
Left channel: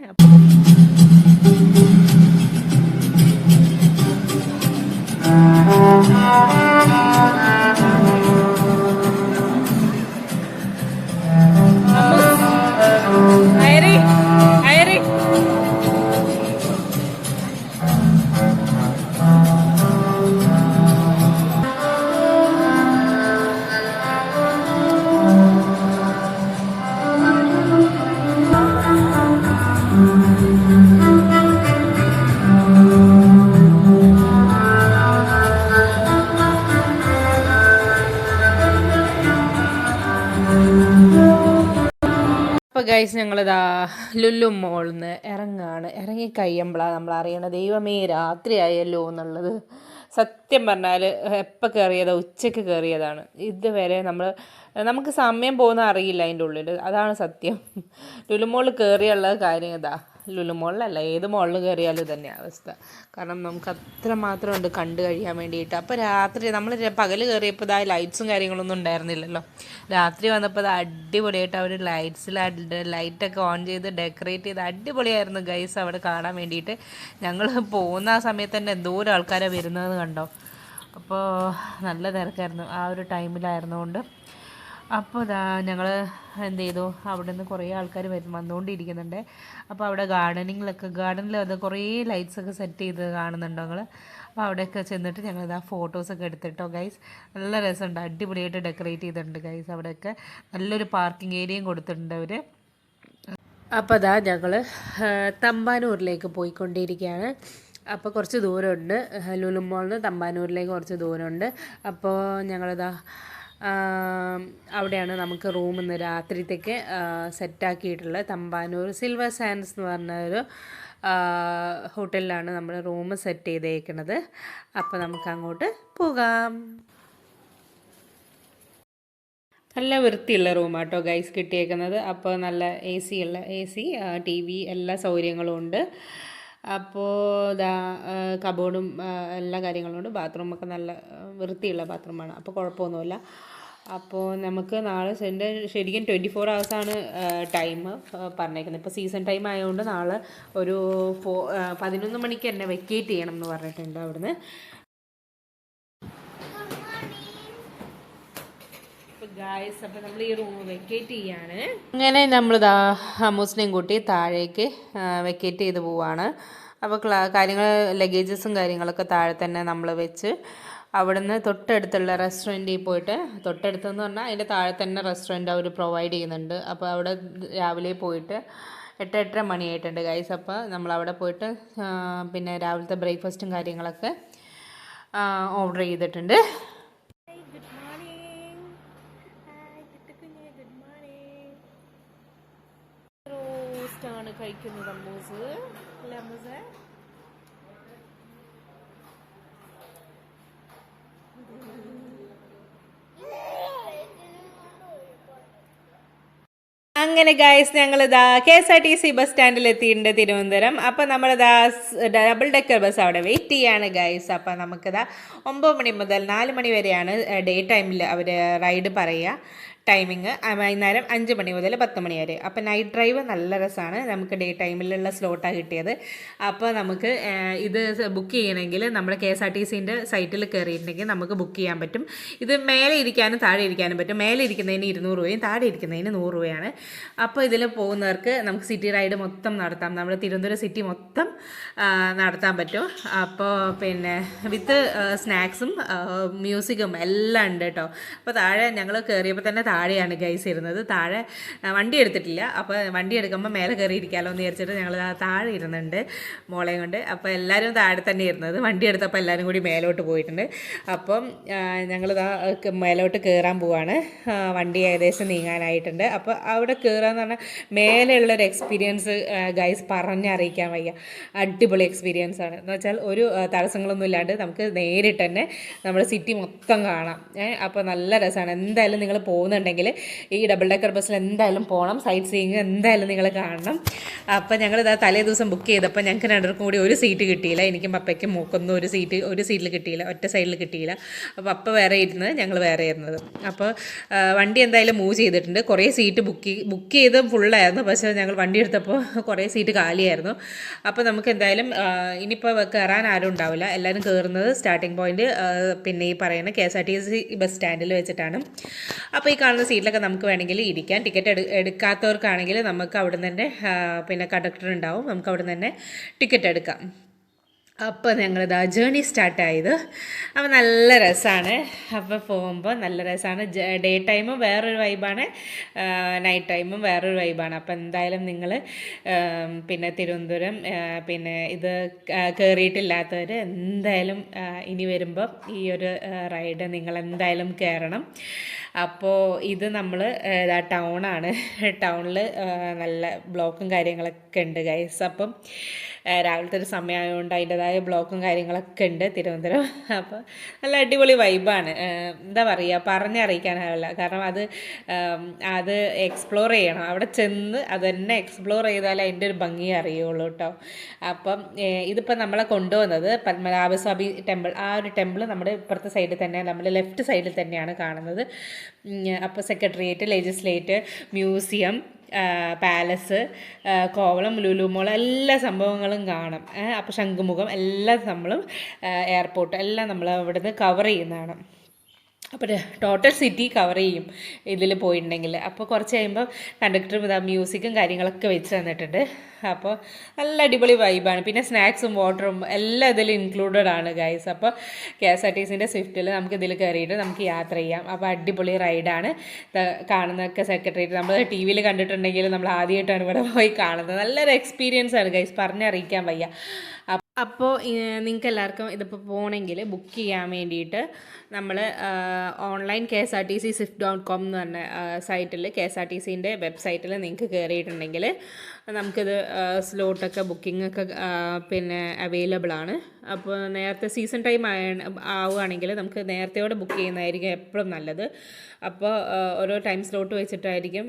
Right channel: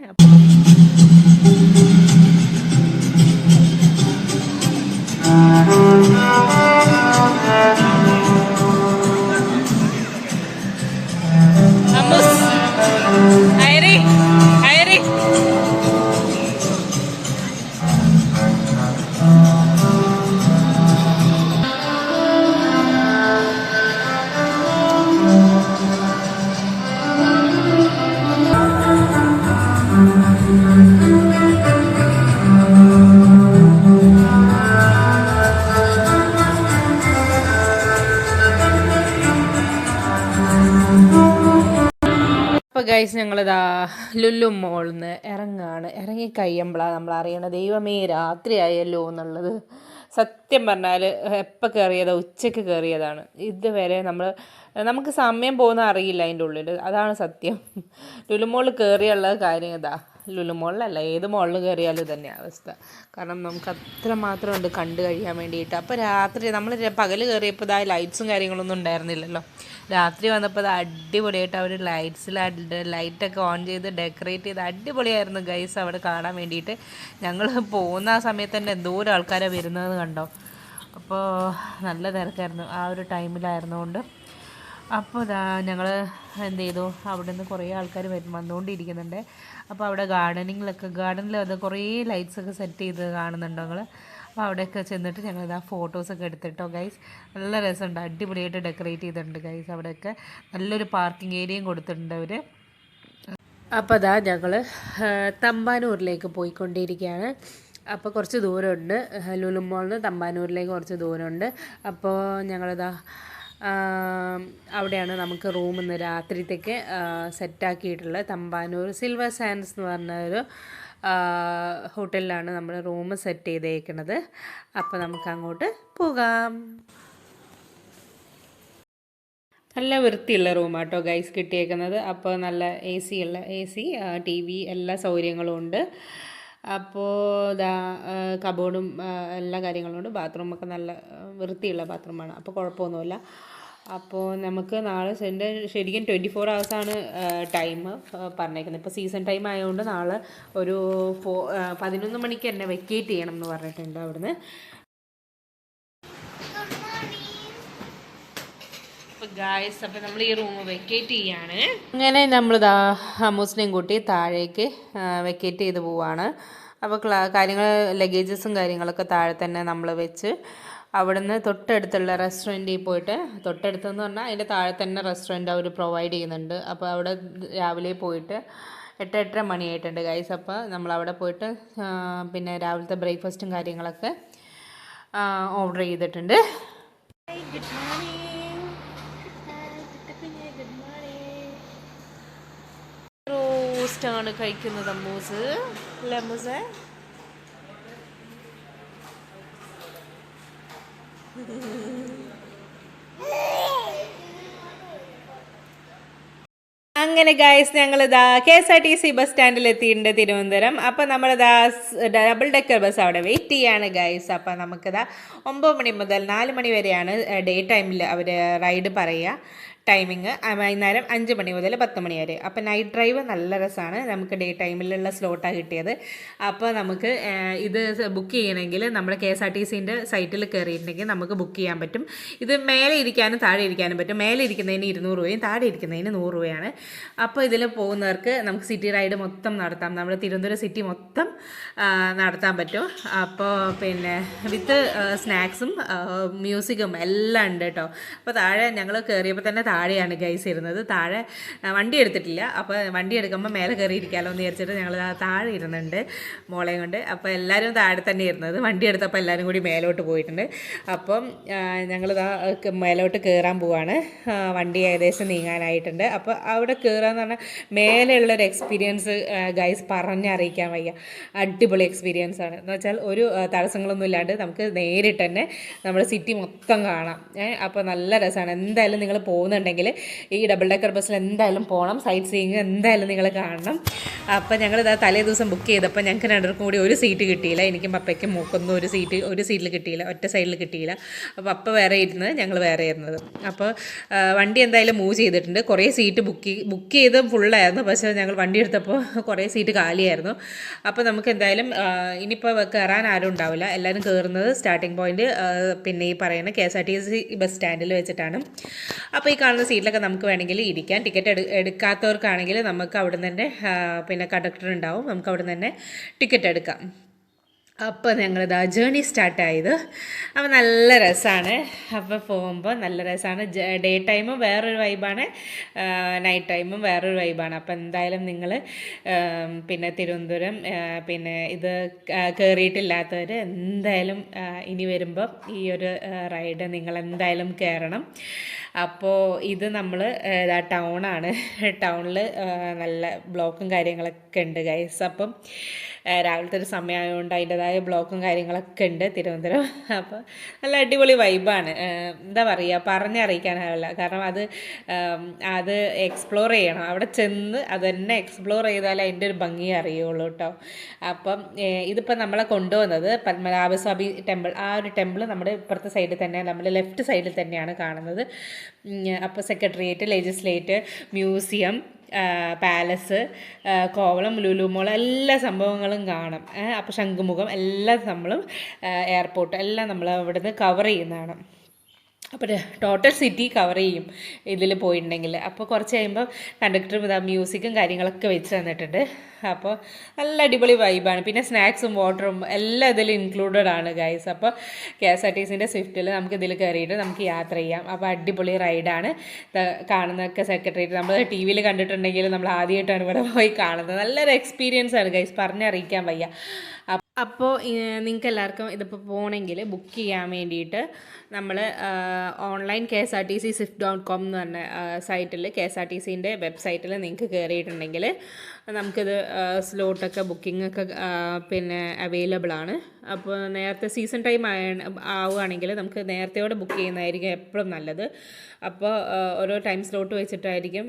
അപ്പോൾ ഗൈസ്, ഞങ്ങളിതാ ലുലു മോളിൽ നിന്ന് ഇറങ്ങി കഴിയുമ്പോഴാണ് നമ്മൾ അറിയണത് ദൈവമേ രാത്രിയായല്ലോ എന്നുള്ളത്. സത്യം പറഞ്ഞാൽ എപ്പോൾ കയറിയതാണ്, ഉച്ചയ്ക്ക് കയറിയതാണ്. ഇതുവരെ നമുക്ക് സമയം പോകുന്ന അറിയില്ല അതിൻ്റെ ഉള്ളിൽ. അതാണ് സത്യം. ലുലു മോളിൽ കയറിയുള്ള കാര്യം ഇതാ. ലുലു മോളിലല്ല, ഏത് മോളിൽ കയറിയാലും തന്നെ അവസ്ഥ. കാരണം നമുക്ക് അത്രമാത്രം ഉണ്ട് കണ്ടു കഴിയാൻ വേണ്ടിയിട്ട്. അപ്പോൾ രാത്രി നമ്മൾ പകൽ കയറിയപ്പോൾ ഇതാ ലൈറ്റ്സും കാര്യങ്ങളൊന്നും ഉണ്ടായിരുന്നില്ലല്ലോ. രാത്രി വന്നപ്പോൾ അത് അടിപൊളിയായിട്ട് അവർ ലൈറ്റൊക്കെ ഓൺ ചെയ്ത് ഡെക്കറേറ്റ് ചെയ്ത് അടിപൊളിയായിരുന്നു ഗൈസ് അവിടെ കാണാൻ വേണ്ടിയിട്ട്. ഞങ്ങൾ പോകുന്ന ആ സമയത്ത് തന്നെ എന്തോരം ആൾക്കാരാണ് വരുന്നതെന്ന് കണ്ടോ. അപ്പോൾ നല്ല തിരക്കായിരുന്നു ആ ഒരു ടൈമിലായിരുന്നുകൊണ്ട്. അപ്പോൾ ഞങ്ങൾ എന്ത് ചെയ്തു, അവിടെ നിന്ന് കുറേ ആൾക്കാർ വന്നുകൊണ്ടിരിക്കുന്നുണ്ട്. അപ്പോൾ അവിടെ ഗാർഡനിൽ അത് കുറേ ലൈറ്റ്സൊക്കെ സെറ്റ് ചെയ്ത് കാണുന്നുണ്ടോ നിങ്ങൾ. അപ്പോൾ അവിടെയൊക്കെ ചെന്നിട്ട് ഞങ്ങൾ ഫോട്ടോസൊക്കെ എടുത്തിട്ടോ ഗൈസ്. നല്ല രസമുണ്ട്, അടിപൊളിയായിട്ട് ഡെക്കറേറ്റ് ചെയ്തിട്ടുണ്ട് ഗൈസ്. അവിടെയൊക്കെ നല്ലൊരു പാർക്കിംഗ് ഏരിയയും കൊടുത്തിട്ടുണ്ട് അവർ. അപ്പോൾ ഞങ്ങൾ തമ്പാനൂരിലേക്ക് പോയിക്കൊണ്ടിരിക്കുകയാണ്. അപ്പോൾ കുറച്ച് ദൂരമുണ്ട്, ലുലു മോളിൽ നിന്ന് തമ്പാനൂരിലേക്ക് കുറച്ച് ദൂരമുണ്ട്. അപ്പോൾ ഞങ്ങളിതാ അവിടെയാണ് നമുക്ക് റൂം ഇന്ന് രാത്രിത്തേക്ക് സെറ്റാക്കിയിട്ടുള്ളത്. തമ്പാനൂർ സിൽവർ സാൻഡ്സ് എന്ന് പറഞ്ഞൊരു ഹോട്ടലിലാണ് നമ്മൾ റൂം സെറ്റ് ചെയ്തേക്കുന്നത്. അപ്പോൾ നമുക്ക് അങ്ങോട്ട് പോകാം. നല്ല വൃത്തിയുള്ള റൂമാട്ടോ ഗൈസ് കിട്ടിയേക്കുന്നത്. അപ്പോൾ നല്ല എ സി TV എല്ലാ സൗകര്യങ്ങളും ഉണ്ട്. അപ്പോൾ കബോർഡും എല്ലാ കാര്യങ്ങളും ഉണ്ട്. ബാത്റൂമൊക്കെ നല്ല വൃത്തിയുള്ള ബാത്റൂമാണ്, അപ്പോൾ കുഴപ്പമൊന്നുമില്ല. അപ്പോൾ നമുക്ക് നാളെ ശരിക്കും 24 hours ടൈം പറഞ്ഞേക്കുന്നത്. ഇപ്പോൾ സീസൺ ടൈം ആയതുകൊണ്ട് നാളെ ഒരു 11 മണിക്ക് തന്നെ വെക്കേറ്റ് ചെയ്യണം എന്ന് പറഞ്ഞിട്ടുണ്ട് അവിടുന്ന്. അപ്പോൾ ഗായ്സ് അപ്പോൾ നമ്മൾ ഈ റൂം വെക്കേറ്റ് ചെയ്യാണ്. അങ്ങനെ നമ്മളിതാ ഹമ്മൂസിനെയും കൂട്ടി താഴേക്ക് വെക്കേറ്റ് ചെയ്ത് പോവാണ്. അപ്പോൾ കാര്യങ്ങൾ ലഗേജസും കാര്യങ്ങളൊക്കെ താഴെ തന്നെ നമ്മൾ വെച്ച് അവിടുന്ന് തൊട്ടടുത്തുള്ള റെസ്റ്റോറൻറ്റിൽ പോയിട്ട്, തൊട്ടടുത്തെന്ന് പറഞ്ഞാൽ അതിൻ്റെ താഴെ തന്നെ റെസ്റ്റോറൻറ്റ് അവർ പ്രൊവൈഡ് ചെയ്യുന്നുണ്ട്. അപ്പോൾ അവിടെ രാവിലെ പോയിട്ട് 8-8:30 മണിയായിട്ടുണ്ട് ഗൈസ്. അപ്പോൾ നമ്മളവിടെ പോയിട്ട് പിന്നെ രാവിലത്തെ ബ്രേക്ക്ഫാസ്റ്റും കാര്യങ്ങളൊക്കെ ഓർഡർ ചെയ്തിട്ടുണ്ട്. Good morning. റോസ്റ്റാണ് കഴിക്കുന്നത് അമ്മൂസ്. അല്ലേ അമ്മൂസേ? അങ്ങനെ ഗൈസ് ഞങ്ങളിതാ KSRTC ബസ് സ്റ്റാൻഡിൽ എത്തിയിട്ടുണ്ട് തിരുവനന്തപുരം. അപ്പോൾ നമ്മളിതാ ഡബിൾ ഡെക്കർ ബസ് അവിടെ വെയിറ്റ് ചെയ്യാണ് ഗൈസ്. അപ്പോൾ നമുക്കിതാ 9 മണി മുതൽ 4 മണി വരെയാണ് ഡേ ടൈമിൽ അവർ റൈഡ് പറയുക. ടൈമിങ് വൈകുന്നേരം 5 മണി മുതൽ 10 മണി വരെ. അപ്പോൾ നൈറ്റ് ഡ്രൈവ് നല്ല രസമാണ്. നമുക്ക് ഡേ ടൈമിലുള്ള സ്ലോട്ടാണ് കിട്ടിയത്. അപ്പോൾ നമുക്ക് ഇത് ബുക്ക് ചെയ്യണമെങ്കിൽ നമ്മുടെ KSRTCൻ്റെ സൈറ്റിൽ കയറിയിട്ടുണ്ടെങ്കിൽ നമുക്ക് ബുക്ക് ചെയ്യാൻ പറ്റും. ഇത് മേലെ ഇരിക്കാനും താഴെ ഇരിക്കാനും പറ്റും. മേലെ ഇരിക്കുന്നതിന് 200 രൂപയും താഴെ ഇരിക്കുന്നതിന് 100 രൂപയാണ്. അപ്പോൾ ഇതിൽ പോകുന്നവർക്ക് നമുക്ക് സിറ്റി റൈഡ് മൊത്തം നടത്താം. നമ്മുടെ തിരുവനന്തപുരം സിറ്റി മൊത്തം നടത്താൻ പറ്റും. അപ്പോൾ പിന്നെ വിത്ത് സ്നാക്സും മ്യൂസിക്കും എല്ലാം ഉണ്ട് കേട്ടോ. അപ്പോൾ താഴെ ഞങ്ങൾ കയറിയപ്പോൾ തന്നെ താഴെയാണ് ഗൈസ് ഇരുന്നത്. താഴെ വണ്ടി എടുത്തിട്ടില്ല. അപ്പോൾ വണ്ടി എടുക്കുമ്പോൾ മേലെ കയറി ഇരിക്കാമല്ലോ എന്ന് വിചാരിച്ചിട്ട് ഞങ്ങൾ താഴെ ഇരുന്നുണ്ട് മോളെയും കൊണ്ട്. അപ്പോൾ എല്ലാവരും താഴെ തന്നെ ഇരുന്നത്. വണ്ടി എടുത്തപ്പോൾ എല്ലാവരും കൂടി മേലോട്ട് പോയിട്ടുണ്ട്. അപ്പം ഞങ്ങൾ മേലോട്ട് കയറാൻ പോവാണ്. വണ്ടി ഏകദേശം നീങ്ങാനായിട്ടുണ്ട്. അപ്പോൾ അവിടെ കയറാന്ന് പറഞ്ഞാൽ മേലെയുള്ളൊരു എക്സ്പീരിയൻസ് ഗൈസ് പറഞ്ഞറിയിക്കാൻ വയ്യ. അടിപൊളി എക്സ്പീരിയൻസ് ആണ്. എന്ന് വെച്ചാൽ ഒരു തടസ്സങ്ങളൊന്നും ഇല്ലാണ്ട് നമുക്ക് നേരിട്ട് തന്നെ നമ്മുടെ സിറ്റി മൊത്തം കാണാം. അപ്പോൾ നല്ല രസമാണ്. എന്തായാലും നിങ്ങൾ പോകുന്നുണ്ടെങ്കിൽ ഈ ഡബിൾ ഡെക്കർ ബസ്സിൽ എന്തായാലും പോകണം. സൈറ്റ് സീയിങ് എന്തായാലും നിങ്ങൾ കാണണം. അപ്പോൾ ഞങ്ങളിതാ തലേ ദിവസം ബുക്ക് ചെയ്തപ്പോൾ ഞങ്ങൾക്ക് രണ്ടുപേർക്കും കൂടി ഒരു സീറ്റ് കിട്ടിയില്ല. എനിക്കും പപ്പയ്ക്കും മൂക്കൊന്നും ഒരു സീറ്റിൽ കിട്ടിയില്ല, ഒറ്റ സൈഡിൽ കിട്ടിയില്ല. അപ്പോൾ പപ്പ വേറെ ഇരുന്നത്, ഞങ്ങൾ വേറെ ഇരുന്നത്. അപ്പോൾ വണ്ടി എന്തായാലും മൂവ് ചെയ്തിട്ടുണ്ട്. കുറേ സീറ്റ് ബുക്ക് ചെയ്ത് ഫുള്ളായിരുന്നു. പക്ഷേ ഞങ്ങൾ വണ്ടി എടുത്തപ്പോൾ കുറേ സീറ്റ് കാലിയായിരുന്നു. അപ്പോൾ നമുക്ക് എന്തായാലും ഇനിയിപ്പോൾ കയറാൻ ആരും ഉണ്ടാവില്ല. എല്ലാവരും കയറുന്നത് സ്റ്റാർട്ടിംഗ് പോയിന്റ് പിന്നെ ഈ പറയുന്ന KSRTC ബസ് സ്റ്റാൻഡിൽ വെച്ചിട്ടാണ്. അപ്പോൾ ഈ കാണുന്ന സീറ്റിലൊക്കെ നമുക്ക് വേണമെങ്കിൽ ഇരിക്കാം. ടിക്കറ്റ് എടുക്കാത്തവർക്കാണെങ്കിൽ നമുക്ക് അവിടെ നിന്ന് തന്നെ പിന്നെ കണ്ടക്ടർ ഉണ്ടാവും. നമുക്ക് അവിടെ നിന്ന് തന്നെ ടിക്കറ്റ് എടുക്കാം. അപ്പോൾ ഞങ്ങളിതാ ജേണി സ്റ്റാർട്ടായത്. അപ്പോൾ നല്ല രസമാണ്. അപ്പോൾ പോകുമ്പോൾ നല്ല രസമാണ്. ഡേ ടൈമും വേറൊരു വൈബാണ്, നൈറ്റ് ടൈമും വേറൊരു വൈബാണ്. അപ്പോൾ എന്തായാലും നിങ്ങൾ പിന്നെ തിരുവനന്തപുരം പിന്നെ ഇത് കയറിയിട്ടില്ലാത്തവർ എന്തായാലും ഇനി വരുമ്പോൾ ഈ ഒരു റൈഡ് നിങ്ങൾ എന്തായാലും കയറണം. അപ്പോൾ ഇത് നമ്മൾ ടൗണാണ്. ടൗണിൽ നല്ല ബ്ലോക്കും കാര്യങ്ങളൊക്കെ ഉണ്ട് ഗൈസ്. അപ്പം രാവിലത്തെ ഒരു സമയമായതുകൊണ്ട് അതിൻ്റെതായ ബ്ലോക്കും കാര്യങ്ങളൊക്കെ ഉണ്ട് തിരുവനന്തപുരം. അപ്പോൾ നല്ല അടിപൊളി വൈബാണ്. എന്താ പറയുക, പറഞ്ഞറിയിക്കാനാവില്ല. കാരണം അത് എക്സ്പ്ലോർ ചെയ്യണം. അവിടെ ചെന്ന് അത് തന്നെ എക്സ്പ്ലോർ ചെയ്താലേ അതിൻ്റെ ഒരു ഭംഗി അറിയുള്ളൂ കേട്ടോ. അപ്പം ഇതിപ്പോൾ നമ്മളെ കൊണ്ടുവന്നത് പത്മനാഭസ്വാമി ടെമ്പിൾ. ആ ഒരു ടെമ്പിൾ നമ്മുടെ ഇപ്പുറത്തെ സൈഡിൽ തന്നെ, നമ്മുടെ ലെഫ്റ്റ് സൈഡിൽ തന്നെയാണ് കാണുന്നത്. അപ്പോൾ secretariat, legislate, museum, palace, Kovalam, Lulu mall എല്ലാ സംഭവങ്ങളും കാണാം. അപ്പോൾ ശംഖുമുഖം എല്ലാം നമ്മളും എയർപോർട്ട് എല്ലാം നമ്മൾ അവിടുന്ന് കവർ ചെയ്യുന്നതാണ്. അപ്പോൾ ടോട്ടൽ സിറ്റി കവർ ചെയ്യും ഇതിൽ പോയിട്ടുണ്ടെങ്കിൽ. അപ്പോൾ കുറച്ച് കഴിയുമ്പോൾ കണ്ടക്ടറും മ്യൂസിക്കും കാര്യങ്ങളൊക്കെ വെച്ച് തന്നിട്ടുണ്ട്. അപ്പോൾ നല്ല അടിപൊളി വൈബാണ്. പിന്നെ സ്നാക്സും വാട്ടറും എല്ലാം ഇതിൽ ഇൻക്ലൂഡഡ് ആണ് ഗൈസ്. അപ്പോൾ KSRTCൻ്റെ സ്വിഫ്റ്റിൽ നമുക്ക് ഇതിൽ കയറിയിട്ട് നമുക്ക് യാത്ര ചെയ്യാം. അപ്പോൾ അടിപൊളി റൈഡാണ്. കാണുന്നതൊക്കെ സെക്രട്ടേറിയറ്റ് നമ്മൾ TV യിൽ കണ്ടിട്ടുണ്ടെങ്കിൽ നമ്മൾ ആദ്യമായിട്ടാണ് ഇവിടെ പോയി കാണുന്നത്. നല്ലൊരു എക്സ്പീരിയൻസ് ആണ് ഗൈസ്, പറഞ്ഞറിയിക്കാൻ വയ്യ. അപ്പോൾ നിങ്ങൾക്ക് എല്ലാവർക്കും ഇതിപ്പോൾ പോകണമെങ്കിൽ ബുക്ക് ചെയ്യാൻ വേണ്ടിയിട്ട് നമ്മൾ ഓൺലൈൻ KSRTC.com എന്ന് പറഞ്ഞ സൈറ്റിൽ, KSRTCൻ്റെ വെബ്സൈറ്റിൽ നിങ്ങൾക്ക് കയറിയിട്ടുണ്ടെങ്കിൽ നമുക്കിത് സ്ലോട്ടൊക്കെ ബുക്കിങ്ങൊക്കെ പിന്നെ അവൈലബിൾ ആണ്. അപ്പോൾ നേരത്തെ സീസൺ ടൈം ആവുകയാണെങ്കിൽ നമുക്ക് നേരത്തെയോടെ ബുക്ക് ചെയ്യുന്നതായിരിക്കും എപ്പോഴും നല്ലത്. അപ്പോൾ ഓരോ ടൈം സ്ലോട്ട് വെച്ചിട്ടായിരിക്കും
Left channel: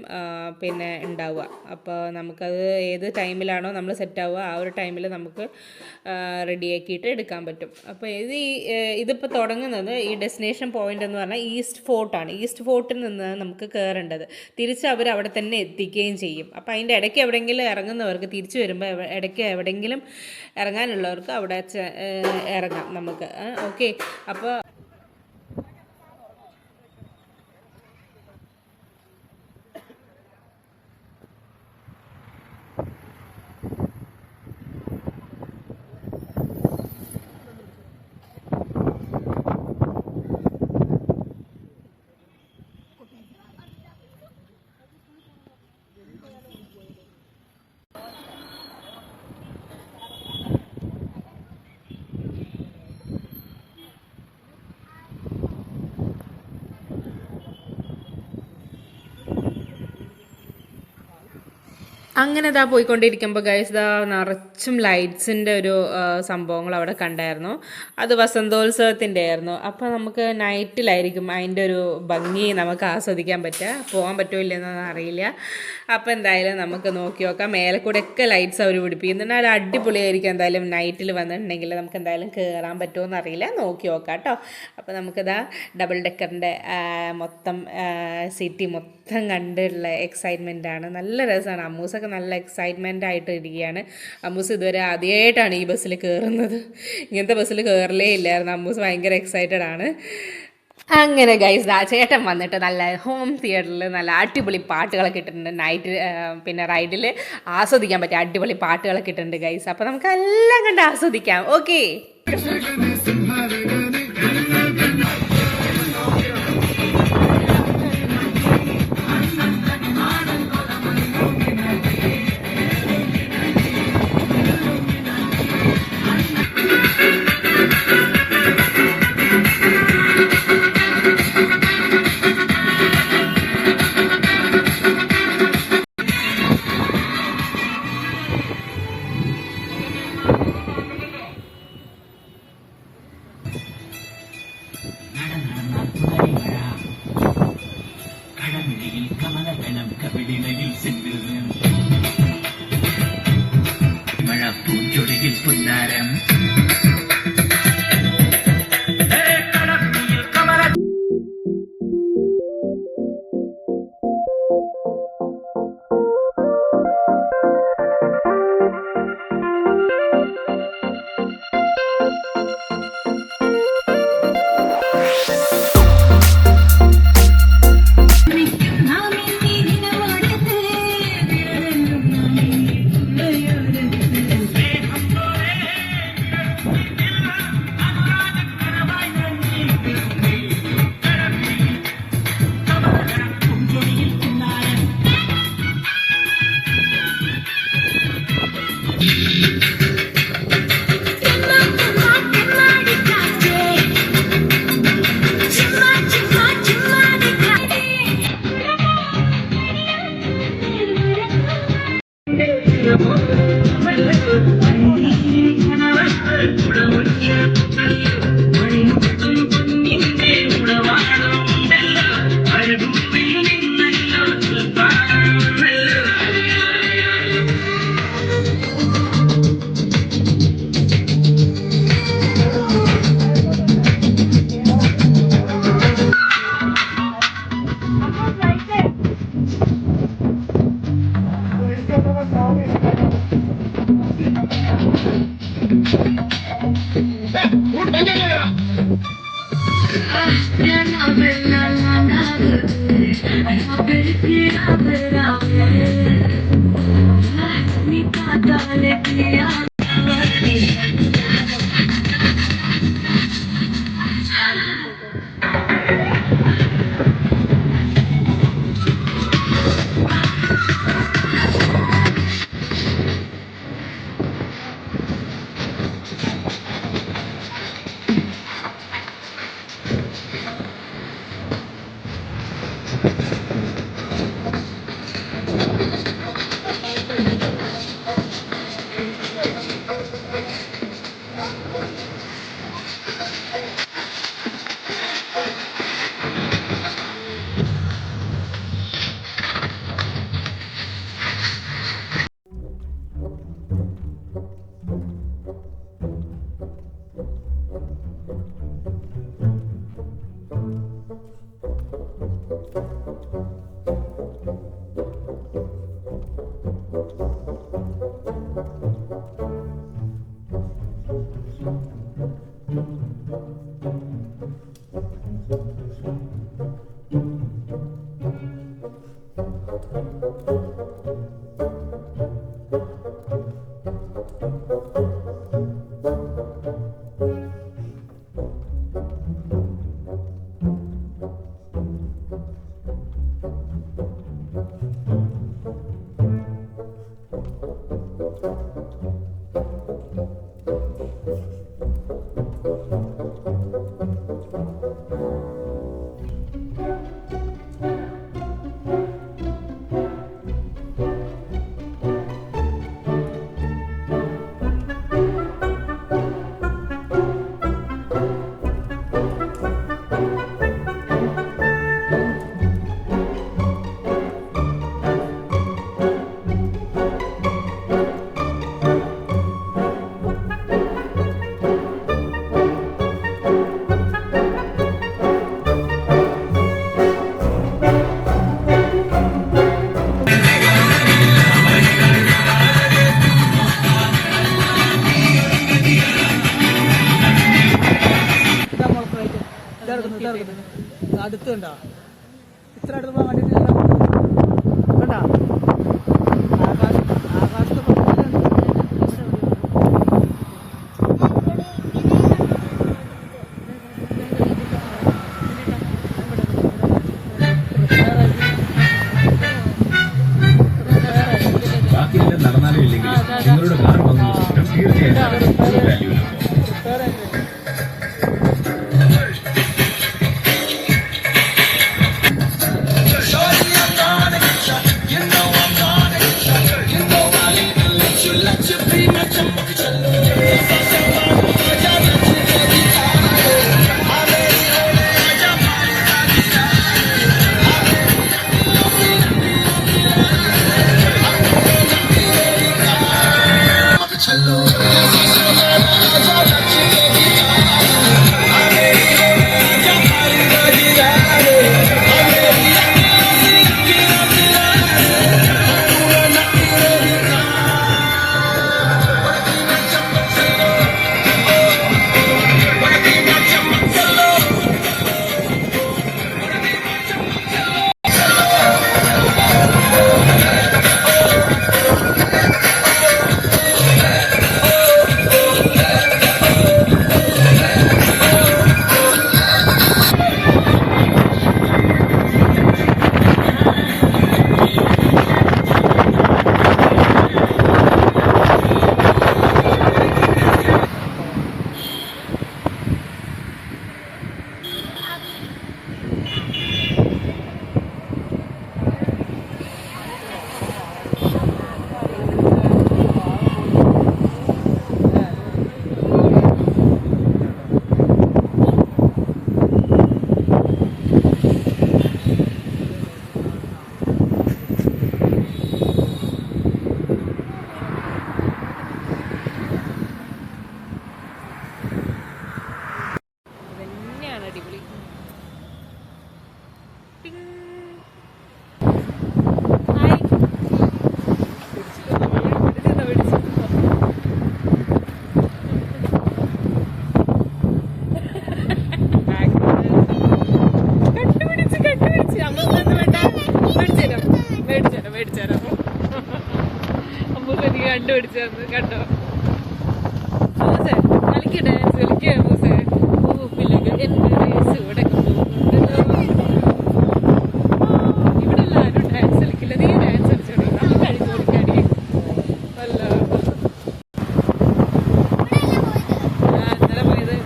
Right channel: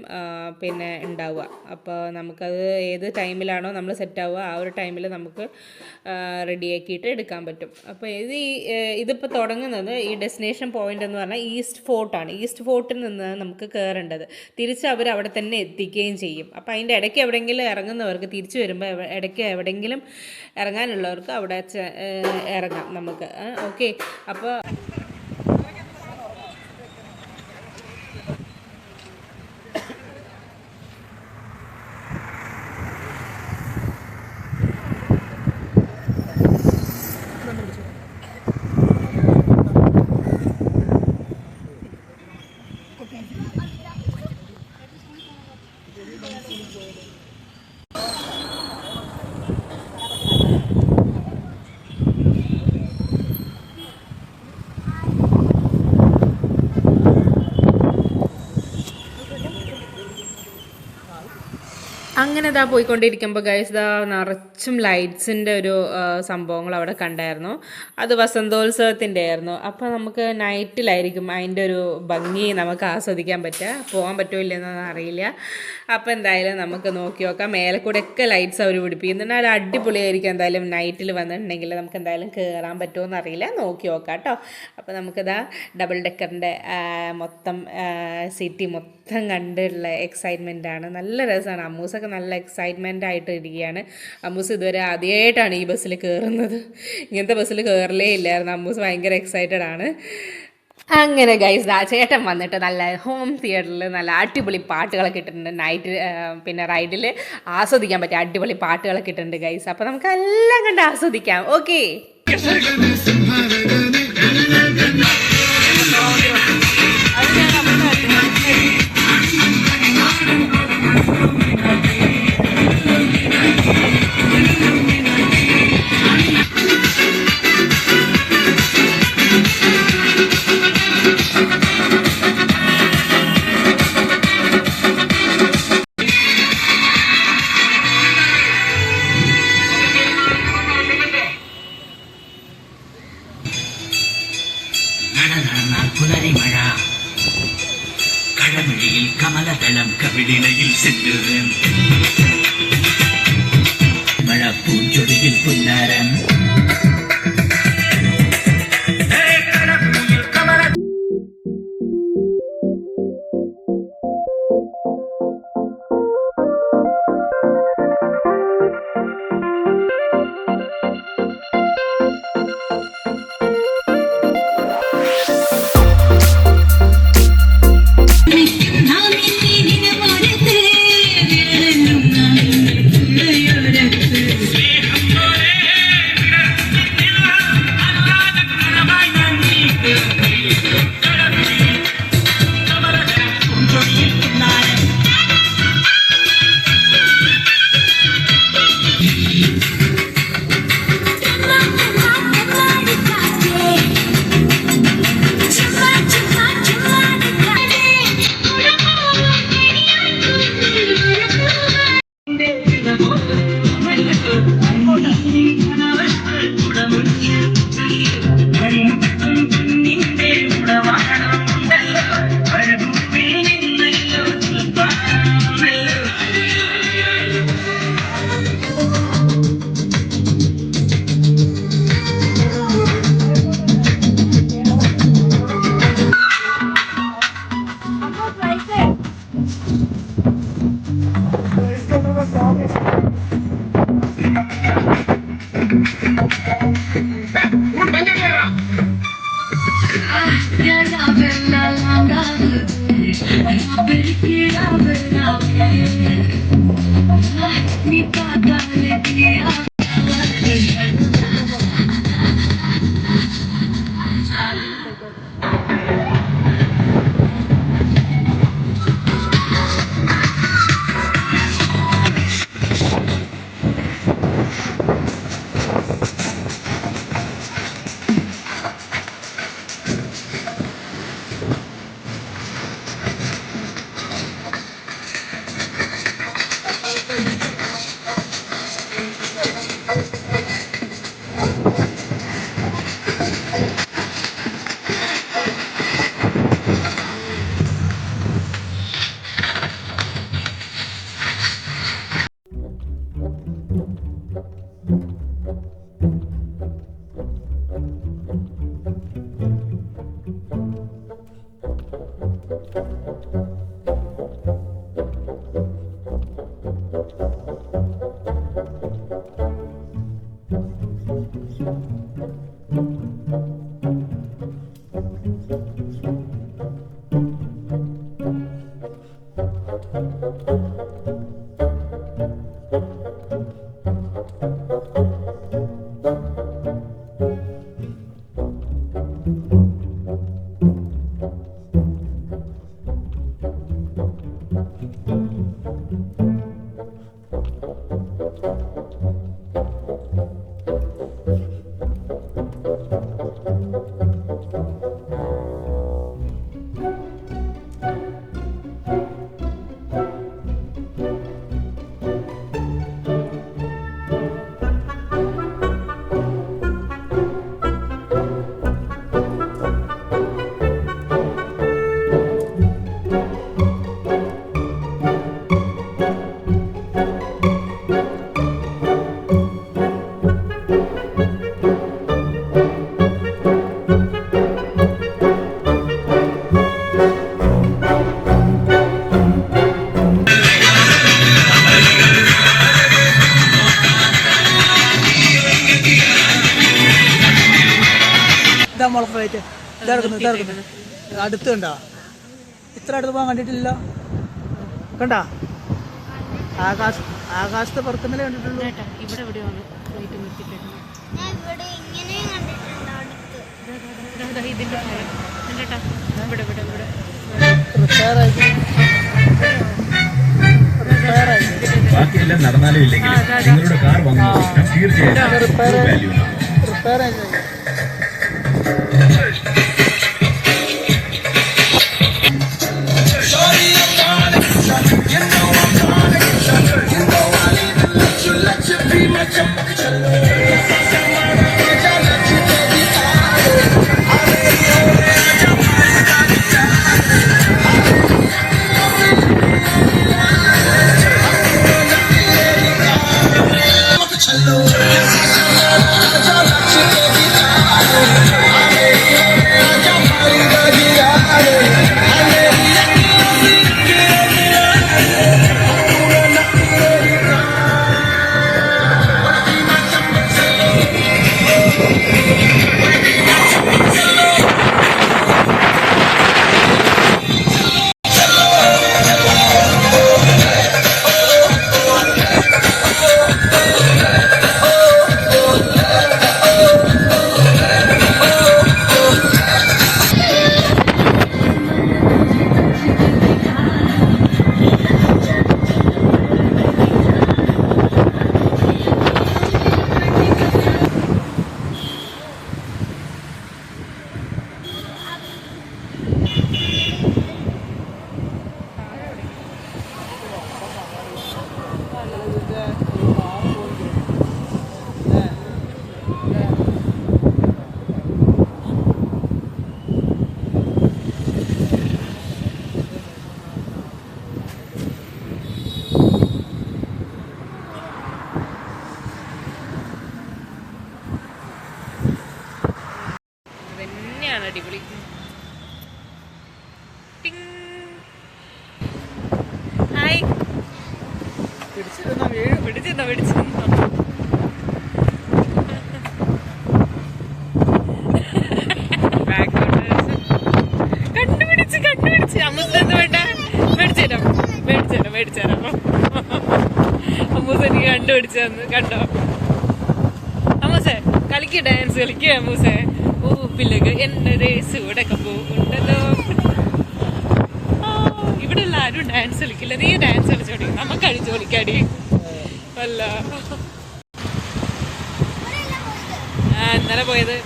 പിന്നെ ഉണ്ടാവുക. അപ്പോൾ നമുക്കത് ഏത് ടൈമിലാണോ നമ്മൾ സെറ്റ് ആവുക ആ ഒരു ടൈമിൽ നമുക്ക് റെഡിയാക്കിയിട്ട് എടുക്കാൻ പറ്റും. അപ്പോൾ ഇതിപ്പോൾ തുടങ്ങുന്നത് ഈ ഡെസ്റ്റിനേഷൻ പോയിൻ്റ് എന്ന് പറഞ്ഞാൽ ഈസ്റ്റ് ഫോർട്ടാണ്. ഈസ്റ്റ് ഫോർട്ടിൽ നിന്ന് നമുക്ക് കയറേണ്ടത്. തിരിച്ച് അവർ അവിടെ തന്നെ എത്തിക്കുകയും ചെയ്യും. അപ്പോൾ അതിൻ്റെ ഇടയ്ക്ക് എവിടെയെങ്കിലും ഇറങ്ങുന്നവർക്ക് തിരിച്ചു വരുമ്പോൾ ഇടയ്ക്ക് എവിടെയെങ്കിലും ഇറങ്ങാനുള്ളവർക്ക് അവിടെ ഇറങ്ങാം നമുക്ക്. ഓക്കെ, അപ്പോൾ അങ്ങനെ ഇതാ പോയിക്കൊണ്ടിരിക്കുമ്പോൾ ഗൈസ് ഇതാ നിറച്ചും ലൈറ്റ്സിൻ്റെ ഒരു സംഭവങ്ങൾ അവിടെ കണ്ടായിരുന്നു. അത് വസന്തോത്സവത്തിൻ്റെ ആയിരുന്നു. അപ്പോൾ നമുക്ക് നൈറ്റിലായിരിക്കും അതിൻ്റെ ഒരു ഭംഗി നമുക്ക് ആസ്വദിക്കാൻ പറ്റുക. പോകാൻ പറ്റുമോ ഇല്ലെന്നൊന്നും അറിയില്ല. അപ്പോൾ എന്തായാലും നമുക്ക് നോക്കി നോക്കാം. മേലെ കൂടെയൊക്കെ ലൈറ്റ്സ് അവർ പിടിപ്പിക്കുന്നുണ്ട്. അത് അടിപൊളിയായിരിക്കും. എന്തായാലും നൈറ്റിൽ വന്നിട്ടുണ്ടെങ്കിൽ നമുക്ക് എന്തായാലും കയറാൻ പറ്റുമോ എന്നറിയില്ല. നോക്കി നോക്കാം കേട്ടോ. അപ്പോൾ നമുക്കിതാ ഡബിൾ ഡെക്കറിൻ്റെ മൊത്തം സിറ്റി മൊത്തം കണ്ടുള്ള എക്സൈറ്റ്മെൻറ്റാണ്. നല്ല രസമാണ്. അമ്മൂസൊക്കെ നല്ല എക്സൈറ്റ്മെൻ്റ് ആയിട്ട് ഇരിക്കുകയാണ്. അമ്മൂസ് ഇതുവരെ ആദ്യമായിട്ടാണ് ഈ ബസ്സിൽ കയറുന്നത്. ഇങ്ങനത്തെ ബസ്സിൽ കയറലേ ഇല്ലായിരുന്നു. അമ്മൂസ് ഭയങ്കര എക്സൈറ്റഡ് ആണ്. അങ്ങനെ ഗൈസ് ആ ചേട്ടൻ വന്നിട്ട് നല്ല ഹോം തിയേറ്ററിൽ നല്ല അടിപൊളി പാട്ടുകളൊക്കെ ഇട്ടിട്ടുണ്ട്. നൈറ്റ് പിന്നെ റൈഡിൽ ആസ്വദിക്കാൻ പറ്റിയ അടിപൊളി പാട്ടുകളൊക്കെ ഇട്ടിട്ടുണ്ട് ഗൈസ്. അപ്പോൾ നമുക്ക് എല്ലാം കണ്ട് ആസ്വദിക്കാം. ഓക്കെ. കടമിഴിയിൽ കമലദളം കവിളിണയിൽ സിന്ദൂരം മഴ പൂഞ്ചൊടിയിൽ പുന്നാരം അടുത്ത് കണ്ടാ ഇത്ര അടുത്ത് പോകാൻ കണ്ടിട്ടില്ലല്ലോ കണ്ടാ ആകാശത്ത് പുറത്തുമല ഉണ്ട് ഇവിടെ എവിടെയാണ് ഇതിൻ്റെ ഇവിടെ ഇവിടെ ഇവിടെ ബാക്കിയെല്ലാം നടന്നാലും ഇല്ലെങ്കിൽ നിങ്ങളുടെ കാർ വാങ്ങുന്ന സ്വപ്നം തീർച്ചയായും വാല്യൂ അടിപൊളി. ഹായ് പിടിച്ചെന്നോ കണ്ടുപിടിച്ച് അമ്മൂസെന്ന് വേണ്ട മേടിച്ചേരാം അമ്മൂസ എനിക്ക് കണ്ടുപിടിച്ചു തന്നു കണ്ടോ. അമ്മൂസേ ഡാൻസ് കളിക്കുക അമ്മൂസേ. പൂപ്പിലൊക്കെ എന്റെ ദേശൂടൊക്കെ പോകുന്നുണ്ടല്ലോ. ഇവിടെ ഉള്ള ആരും ഡാൻസ് കളിക്കില്ല. നീ ഡാൻസ് കളിച്ചോടി, നമുക്ക് കളിച്ചു കളിക്കാടി. അല്ല ഇന്നലെ പോയത്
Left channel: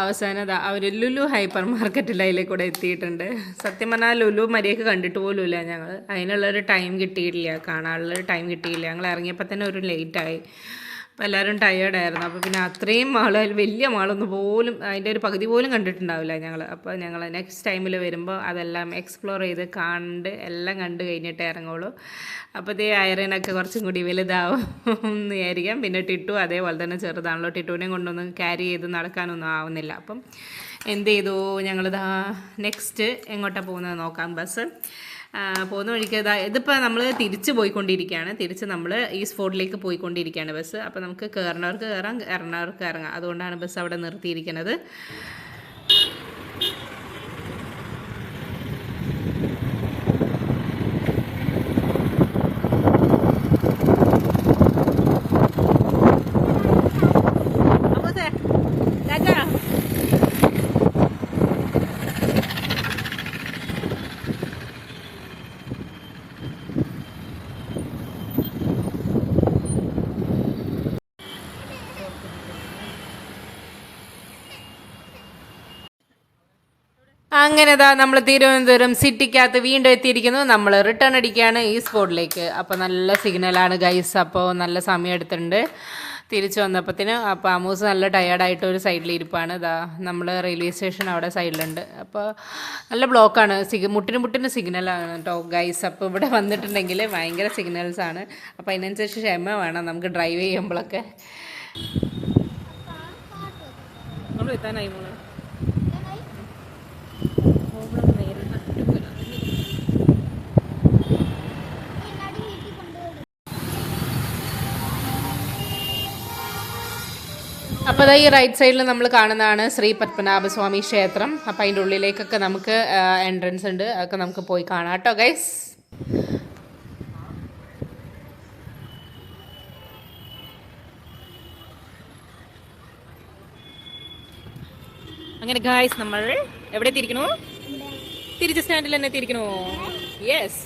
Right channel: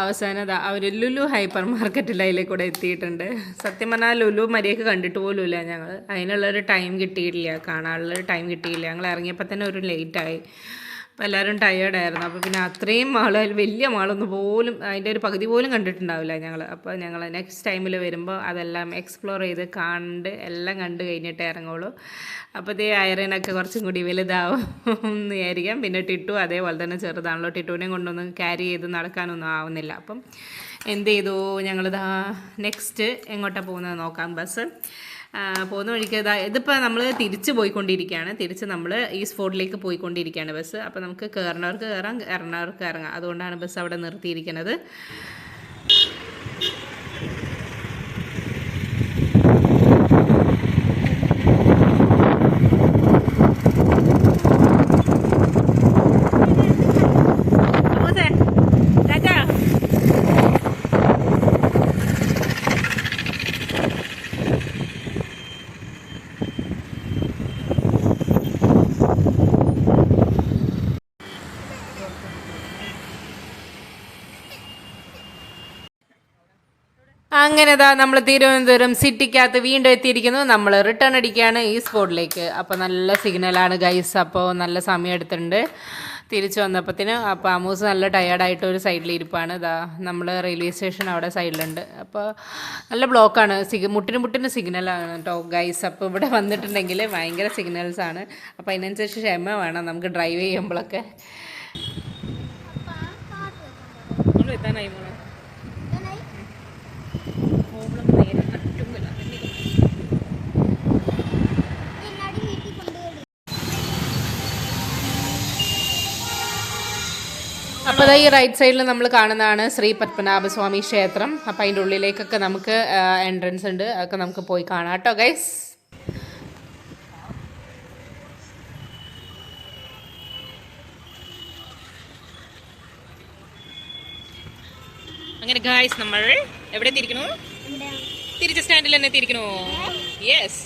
അവസാനം അവര് ലുലു ഹൈപ്പർ മാർക്കറ്റിൽ അതിലെ കൂടെ എത്തിയിട്ടുണ്ട്. സത്യം പറഞ്ഞാൽ ലുലു മര്യാദക്ക് കണ്ടിട്ട് പോലുമില്ല ഞങ്ങൾ. അതിനുള്ളൊരു ടൈം കിട്ടിയിട്ടില്ല, കാണാനുള്ളൊരു ടൈം കിട്ടിയില്ല. ഞങ്ങൾ ഇറങ്ങിയപ്പോൾ തന്നെ ഒരു ലേറ്റായി. അപ്പോൾ എല്ലാവരും ടയേർഡായിരുന്നു. അപ്പോൾ പിന്നെ അത്രയും മാൾ, വലിയ മാളൊന്നും പോലും അതിൻ്റെ ഒരു പകുതി പോലും കണ്ടിട്ടുണ്ടാവില്ല ഞങ്ങൾ. അപ്പോൾ ഞങ്ങൾ നെക്സ്റ്റ് ടൈമിൽ വരുമ്പോൾ അതെല്ലാം എക്സ്പ്ലോർ ചെയ്ത് എല്ലാം കണ്ട് കഴിഞ്ഞിട്ടേ ഇറങ്ങുള്ളൂ. അപ്പോൾ ഇതേ ഐറനൊക്കെ കുറച്ചും കൂടി വലുതാവും എന്ന് വിചാരിക്കാം. പിന്നെ ടിട്ടു അതേപോലെ തന്നെ ചെറുതാണല്ലോ. ടിട്ടുവിനെയും കൊണ്ടൊന്നും ക്യാരി ചെയ്ത് നടക്കാനൊന്നും ആവുന്നില്ല. അപ്പം എന്ത് ചെയ്തു, ഞങ്ങളിതാ നെക്സ്റ്റ് എങ്ങോട്ടാണ് പോകുന്നത് നോക്കാം. ബസ് പോകുന്ന വഴിക്ക് ഇതിപ്പോൾ നമ്മൾ തിരിച്ച് പോയിക്കൊണ്ടിരിക്കുകയാണ്. തിരിച്ച് നമ്മൾ ഈ സ്പോട്ടിലേക്ക് പോയിക്കൊണ്ടിരിക്കുകയാണ് ബസ്. അപ്പോൾ നമുക്ക് കയറുന്നവർക്ക് കയറാം, ഇറങ്ങുന്നവർക്ക് ഇറങ്ങാം. അതുകൊണ്ടാണ് ബസ് അവിടെ നിർത്തിയിരിക്കുന്നത്. അങ്ങനെ നമ്മൾ തിരുവനന്തപുരം സിറ്റിക്കകത്ത് വീണ്ടും എത്തിയിരിക്കുന്നു. നമ്മൾ റിട്ടേൺ അടിക്കുകയാണ് ഈ സ്പോട്ടിലേക്ക്. അപ്പോൾ നല്ല സിഗ്നലാണ് ഗൈസ്. അപ്പോൾ നല്ല സമയം എടുത്തിട്ടുണ്ട് തിരിച്ചു വന്നപ്പോഴത്തേന്. അപ്പോൾ അമൂസ് നല്ല ടയേർഡായിട്ട് ഒരു സൈഡിൽ ഇരിപ്പാണ്. നമ്മൾ റെയിൽവേ സ്റ്റേഷൻ അവിടെ സൈഡിലുണ്ട്. അപ്പോൾ നല്ല ബ്ലോക്കാണ്. മുട്ടിന് സിഗ്നലാണ് കേട്ടോ ഗൈസ്. അപ്പോൾ ഇവിടെ വന്നിട്ടുണ്ടെങ്കിൽ ഭയങ്കര സിഗ്നൽസാണ്. അപ്പോൾ അതിനനുസരിച്ച് ക്ഷമ വേണം നമുക്ക് ഡ്രൈവ് ചെയ്യുമ്പോഴൊക്കെ. നമ്മൾ എത്താനായി മോളെ. അപ്പോൾ അതാ ഈ റൈറ്റ് സൈഡിൽ നമ്മൾ കാണുന്നതാണ് ശ്രീ പത്മനാഭസ്വാമി ക്ഷേത്രം. അപ്പോൾ അതിൻ്റെ ഉള്ളിലേക്കൊക്കെ നമുക്ക് എൻട്രൻസ് ഉണ്ട്, അതൊക്കെ നമുക്ക് പോയി കാണാം കേട്ടോ ഗൈസ്. അങ്ങനെ ഗൈസ് നമ്മൾ എവിടെ എത്തിയിരിക്കണു? തിരിച്ച് സ്റ്റാൻഡിൽ തന്നെ എത്തിയിരിക്കണു. യെസ്.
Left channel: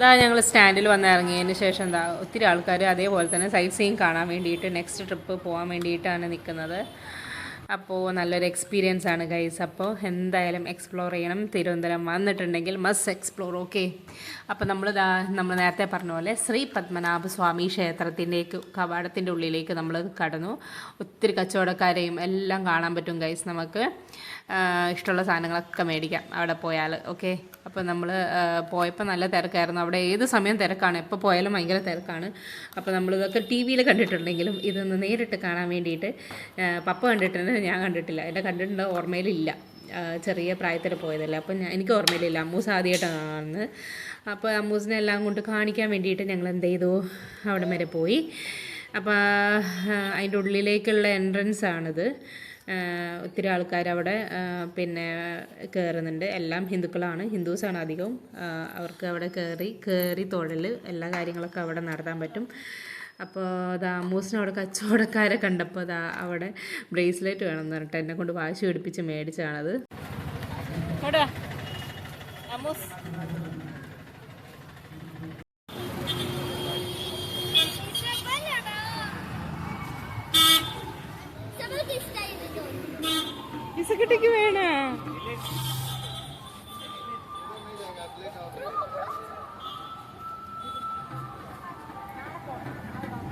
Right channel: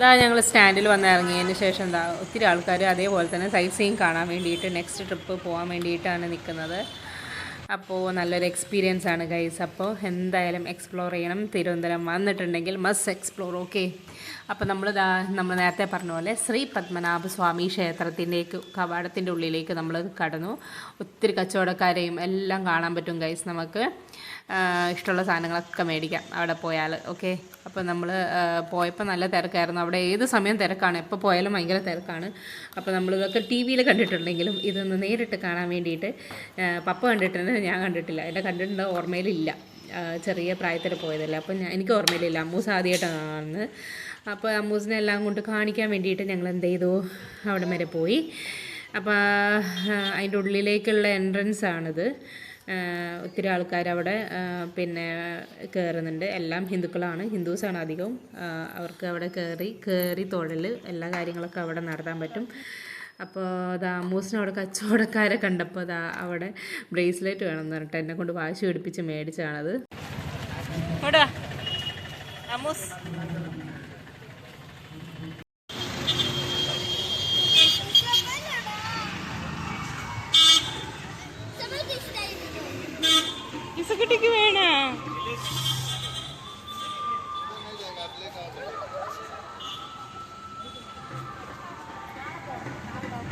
ഇതാ ഞങ്ങൾ സ്റ്റാൻഡിൽ വന്ന് ഇറങ്ങിയതിന് ശേഷം എന്താ ഒത്തിരി ആൾക്കാർ അതേപോലെ തന്നെ സൈറ്റ് സീയിങ് കാണാൻ വേണ്ടിയിട്ട് നെക്സ്റ്റ് ട്രിപ്പ് പോകാൻ വേണ്ടിയിട്ടാണ് നിൽക്കുന്നത്. അപ്പോൾ നല്ലൊരു എക്സ്പീരിയൻസ് ആണ് ഗൈസ്. അപ്പോൾ എന്തായാലും എക്സ്പ്ലോർ ചെയ്യണം. തിരുവനന്തപുരം വന്നിട്ടുണ്ടെങ്കിൽ മസ്റ്റ് എക്സ്പ്ലോർ. ഓക്കെ. അപ്പോൾ നമ്മൾ നേരത്തെ പറഞ്ഞ പോലെ ശ്രീ പത്മനാഭസ്വാമി ക്ഷേത്രത്തിൻ്റെക്ക് കവാടത്തിൻ്റെ ഉള്ളിലേക്ക് നമ്മൾ കടന്നു. ഒത്തിരി കച്ചവടക്കാരെയും എല്ലാം കാണാൻ പറ്റും ഗൈസ്. നമുക്ക് ഇഷ്ടമുള്ള സാധനങ്ങളൊക്കെ മേടിക്കാം അവിടെ പോയാൽ. ഓക്കെ. അപ്പോൾ നമ്മൾ പോയപ്പോൾ നല്ല തിരക്കായിരുന്നു. അവിടെ ഏത് സമയം തിരക്കാണ്, എപ്പോൾ പോയാലും ഭയങ്കര തിരക്കാണ്. അപ്പോൾ നമ്മളിതൊക്കെ ടി വിയിൽ കണ്ടിട്ടുണ്ടെങ്കിലും ഇതൊന്ന് നേരിട്ട് കാണാൻ വേണ്ടിയിട്ട് പപ്പ കണ്ടിട്ടുണ്ട്, ഞാൻ കണ്ടിട്ടില്ല. എൻ്റെ കണ്ടിട്ടുണ്ട്, ഓർമ്മയിലില്ല. ചെറിയ പ്രായത്തിൽ പോയതല്ല. അപ്പോൾ എനിക്ക് ഓർമ്മയിലില്ല. അമ്മൂസ് ആദ്യമായിട്ടാണ് കാണുന്നത്. അപ്പോൾ അമ്മൂസിനെ എല്ലാം കൊണ്ട് കാണിക്കാൻ വേണ്ടിയിട്ട് ഞങ്ങൾ എന്ത് ചെയ്തു, അവിടെ വരെ പോയി. അപ്പോൾ അതിൻ്റെ ഉള്ളിലേക്കുള്ള എൻട്രൻസ് ആണിത്. ഒത്തിരി ആൾക്കാർ അവിടെ പിന്നെ കയറുന്നുണ്ട്. എല്ലാം ഹിന്ദുക്കളാണ്, ഹിന്ദുസാണ് അധികവും. അവർക്ക് അവിടെ കയറി തൊഴൽ എല്ലാ കാര്യങ്ങളൊക്കെ അവിടെ നടത്താൻ പറ്റും. അപ്പോൾ അമ്മൂസിന് അവിടെ കച്ചവടക്കാരെ കണ്ടപ്പോൾ അവിടെ ബ്രേസ്ലെറ്റ് വേണമെന്ന് പറഞ്ഞിട്ട് എന്നെ കൊണ്ട് വാശി പിടിപ്പിച്ച് മേടിച്ചതാണത്. അമ്മൂസ് ഇസക്കുട്ടിക്ക് വേണോ?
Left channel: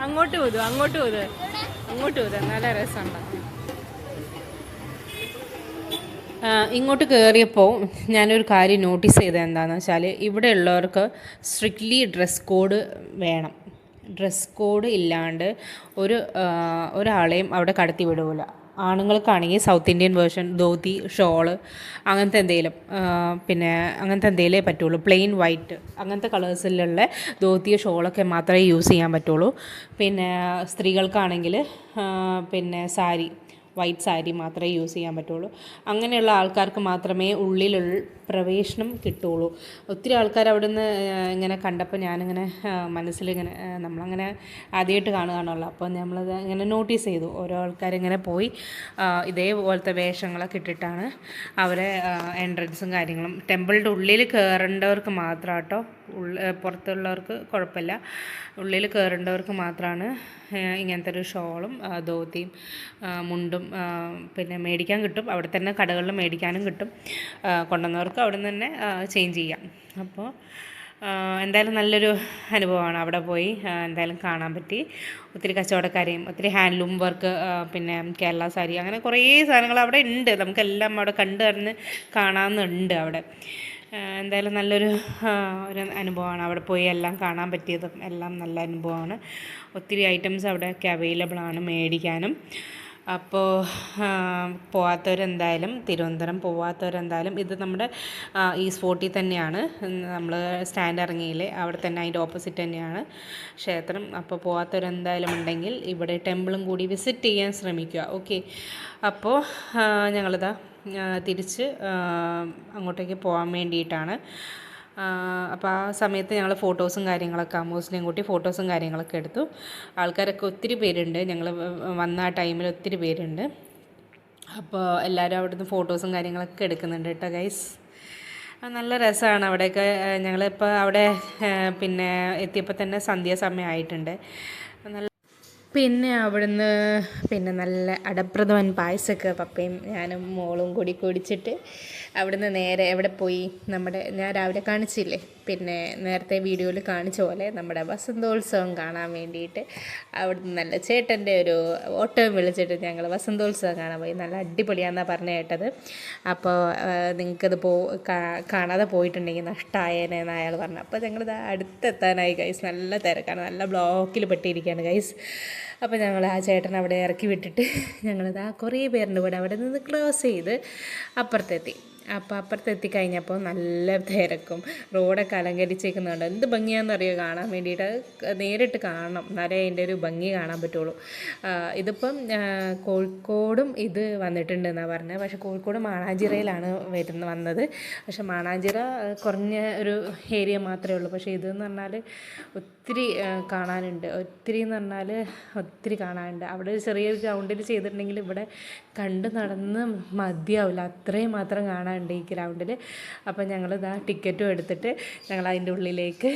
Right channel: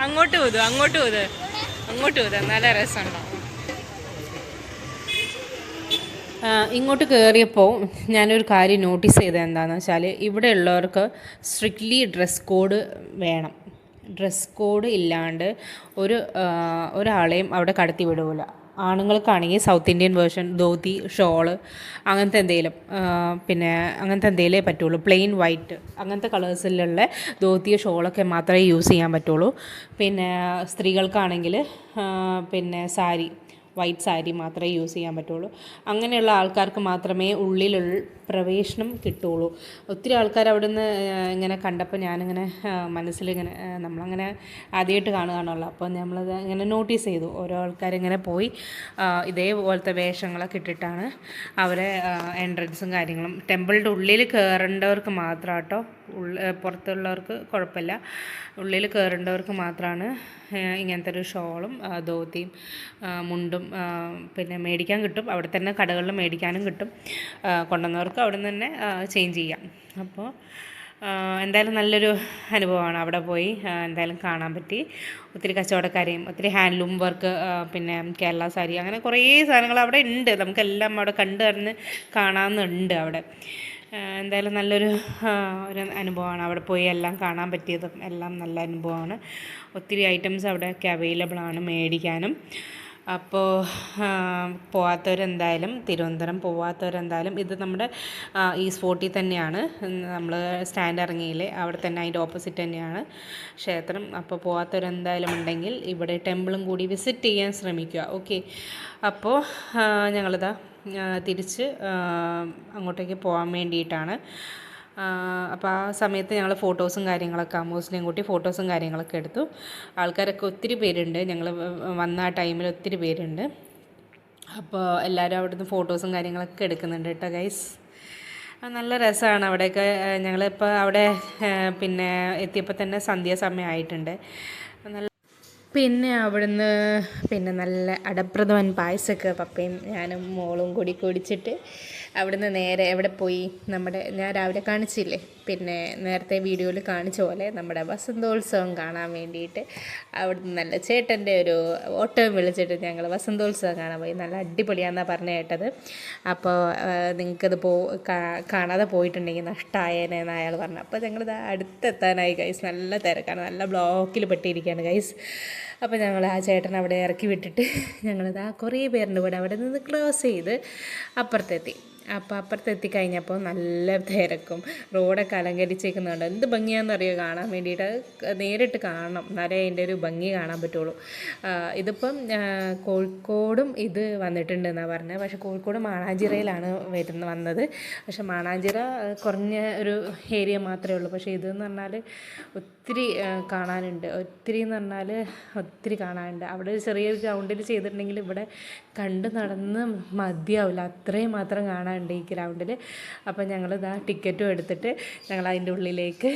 അങ്ങോട്ട് പോതു നല്ല രസമുണ്ടാവും. ഇങ്ങോട്ട് കയറിയപ്പോൾ ഞാനൊരു കാര്യം നോട്ടീസ് ചെയ്തത് എന്താണെന്ന് വെച്ചാൽ ഇവിടെ ഉള്ളവർക്ക് സ്ട്രിക്ട്ലി ഡ്രസ് കോഡ് വേണം. ഡ്രസ് കോഡ് ഇല്ലാണ്ട് ഒരാളെയും അവിടെ കടത്തി വിടില്ല. ആണുങ്ങൾക്കാണെങ്കിൽ South Indian version dhoti, shawl അങ്ങനത്തെ എന്തെങ്കിലും, പിന്നെ അങ്ങനത്തെ എന്തെങ്കിലേ പറ്റുള്ളൂ. പ്ലെയിൻ വൈറ്റ് അങ്ങനത്തെ കളേഴ്സിലുള്ള ധോതിയോ ഷോളൊക്കെ മാത്രമേ യൂസ് ചെയ്യാൻ പറ്റുള്ളൂ. പിന്നെ സ്ത്രീകൾക്കാണെങ്കിൽ പിന്നെ സാരി, വൈറ്റ് സാരി മാത്രമേ യൂസ് ചെയ്യാൻ പറ്റുള്ളൂ. അങ്ങനെയുള്ള ആൾക്കാർക്ക് മാത്രമേ ഉള്ളിലുള്ള പ്രവേശനം കിട്ടുള്ളൂ. ഒത്തിരി ആൾക്കാർ അവിടെ നിന്ന് ഇങ്ങനെ കണ്ടപ്പോൾ ഞാനിങ്ങനെ മനസ്സിലിങ്ങനെ നമ്മളങ്ങനെ ആദ്യമായിട്ട് കാണുകയാണല്ലോ. അപ്പോൾ നമ്മളത് ഇങ്ങനെ നോട്ടീസ് ചെയ്തു. ഓരോ ആൾക്കാരിങ്ങനെ പോയി ഇതേപോലത്തെ വേഷങ്ങളൊക്കെ ഇട്ടിട്ടാണ് അവരെ എൻട്രൻസും കാര്യങ്ങളും. ടെമ്പിളിൻ്റെ ഉള്ളിൽ കയറേണ്ടവർക്ക് മാത്രം കേട്ടോ, പുറത്തുള്ളവർക്ക് കുഴപ്പമില്ല. ഉള്ളിൽ കയറേണ്ടവർക്ക് മാത്രമാണ് ഇങ്ങനത്തെ ഒരു ഷോളും ധോതിയും മുണ്ടും പിന്നെ മേടിക്കാൻ കിട്ടും. അവിടെ തന്നെ കടകളിൽ മേടിക്കാനും കിട്ടും. കൊണ്ടുവന്നവർക്ക് അവിടെ നിന്ന് തന്നെ ചേഞ്ച് ചെയ്യാം. അപ്പോൾ എന്തായാലും നല്ലൊരു അനുഭവമാണ്. അവിടെ പോയി എന്തായാലും കാണാൻ പറ്റി. ഒത്തിരി കച്ചവടക്കാരെയും ഒത്തിരി ഹാൻഡ്ലൂം വർക്ക്, പിന്നെ കേരള സാരി, അങ്ങനെ കുറേ സാധനങ്ങൾ അവിടെ ഉണ്ട്. നമുക്കെല്ലാം അവിടെ കണ്ടു നടന്ന് കാണാമെന്നുണ്ട് അവിടെ. എന്തായാലും നല്ലൊരു അനുഭവമാണ്. അവിടെ പോയി എല്ലാം കാണാൻ പറ്റിയതും എല്ലാം നല്ല അനുഭവമാണ്. ഒത്തിരി ഐറ്റംസ് അവിടെയൊക്കെ അവൈലബിൾ ആണ് മേടിക്കാനും. അപ്പോൾ പോവാത്തവരെന്തായാലും, തിരുവനന്തപുരം പോവാത്തവരെന്തായാലും, ഇത് നമ്മുടെ ഈസ്റ്റ് ഫോർട്ടിൽ തന്നെയാണ്. നമ്മൾ സ്റ്റാൻഡ് ഇറങ്ങിയില്ലേ, അവിടെ തന്നെ അതിൻ്റെ ഓപ്പോസിറ്റ് തന്നെയാണ് ക്ഷേത്രം. അപ്പോൾ പോവാത്തവരെന്തായാലും ഉണ്ടെങ്കിൽ ഇവിടെ ടെമ്പിളും കൂടി വിസിറ്റ് ചെയ്യാൻ ശ്രമിക്കുക. ഓക്കെ. അപ്പോൾ ഞങ്ങളിതാ തിരിച്ച് അങ്ങോട്ടേക്ക് പോകാൻ വേണ്ടിയിട്ടാണ്. അപ്പോൾ ആ സമയത്ത് ഞങ്ങൾ ഫോട്ടോസും കാര്യങ്ങളൊക്കെ അമ്മൂസിനെയും കൂട്ടി ഫോട്ടോസും കാര്യങ്ങളൊക്കെ എടുത്തു. ആൾക്കാരൊക്കെ ഒത്തിരി പേരുണ്ട്. ഞങ്ങൾ വന്ന ആ ടൈമിൽ ഒത്തിരി പേരുണ്ട്. അപ്പോൾ എല്ലാവരും അവിടുന്ന് ഫോട്ടോസും കാര്യങ്ങളൊക്കെ എടുക്കുന്നുണ്ട് കേട്ടോ ഗൈസ്. നല്ല രസമാണ് അവിടെയൊക്കെ. ഞങ്ങളിപ്പോൾ അവിടെ പിന്നെ എത്തിയപ്പോൾ തന്നെ സന്ധ്യാസമയമായിട്ടുണ്ട്. പിന്നെ അവിടുന്ന് പിന്നെ നല്ല അടപ്രഥമൻ പായസമൊക്കെ പപ്പയും ഞാനും മോളും കൂടി കുടിച്ചിട്ട് അവിടുന്ന് നേരെ എവിടെ പോയി, ഞാൻ രാവിലെ കാണിച്ചില്ലേ, പിന്നെ നേരത്തെ വീഡിയോയിൽ കാണിച്ച പോലെ നമ്മുടെ വസന്തോത്സവം കാണാൻ വേണ്ടിയിട്ട് അവിടുന്ന് നല്ല ചേട്ടൻ്റെ ഒരു ഓട്ടം വിളിച്ചിട്ട് ഞങ്ങൾ വസന്തോത്സവം കാണാൻ പോയി. നല്ല അടിപൊളിയാണെന്നാണ് പറഞ്ഞു കേട്ടത്. അപ്പോൾ നിങ്ങൾക്കത് കാണാതെ പോയിട്ടുണ്ടെങ്കിൽ നഷ്ടമായേനെന്ന് അയാൾ പറഞ്ഞു. അപ്പോൾ ഞങ്ങളിത് അടുത്തെത്താനായി ഗൈസ്. നല്ല തിരക്കാണ്, നല്ല ബ്ലോക്കിൽ പെട്ടിരിക്കുകയാണ് ഗൈസ്. അപ്പോൾ ഞങ്ങൾ ആ ചേട്ടൻ അവിടെ ഇറക്കി വിട്ടിട്ട് ഞങ്ങളിത് കുറേ പേരുടെ കൂടെ അവിടെ നിന്ന് ക്രോസ് ചെയ്ത് അപ്പുറത്തെത്തി. അപ്പോൾ അപ്പുറത്തെത്തി കഴിഞ്ഞപ്പോൾ നല്ല തിരക്കും, റോഡൊക്കെ അലങ്കരിച്ചേക്കുന്നുണ്ട്. എന്ത് ഭംഗിയാണെന്നറിയോ കാണാൻ വേണ്ടിയിട്ട്, നേരിട്ട് കാണണം എന്നാലേ അതിൻ്റെ ഒരു ഭംഗി കാണാൻ പറ്റുള്ളൂ. ഇതിപ്പം കോഴിക്കോടും ഇത് വന്നിട്ടുണ്ടെന്നാണ് പറഞ്ഞത്. പക്ഷേ കോഴിക്കോട് മാണാഞ്ചിറയിലാണ് വന്നത്. പക്ഷേ മാണാഞ്ചിറ കുറഞ്ഞ ഒരു ഏരിയ മാത്രമേ ഉള്ളൂ. പക്ഷേ ഇതെന്ന് പറഞ്ഞാൽ ഒത്തിരി കാണാനുണ്ട്. ഒത്തിരി എന്ന് പറഞ്ഞാൽ ഒത്തിരി കാണാനുണ്ട്. അവിടെ ഒരു ചെറിയൊരു ഗ്രൗണ്ടിൽ ചെയ്തിട്ടുണ്ടെങ്കിൽ ഇവിടെ കണ്ട് നടന്ന് മതിയാവില്ല, അത്രയും മാത്രം കാണാനുണ്ട് ഈ ഗ്രൗണ്ടിൽ. അപ്പം ഞങ്ങളിതാ ടിക്കറ്റും എടുത്തിട്ട് ഞങ്ങൾ അതിൻ്റെ ഉള്ളിലേക്ക്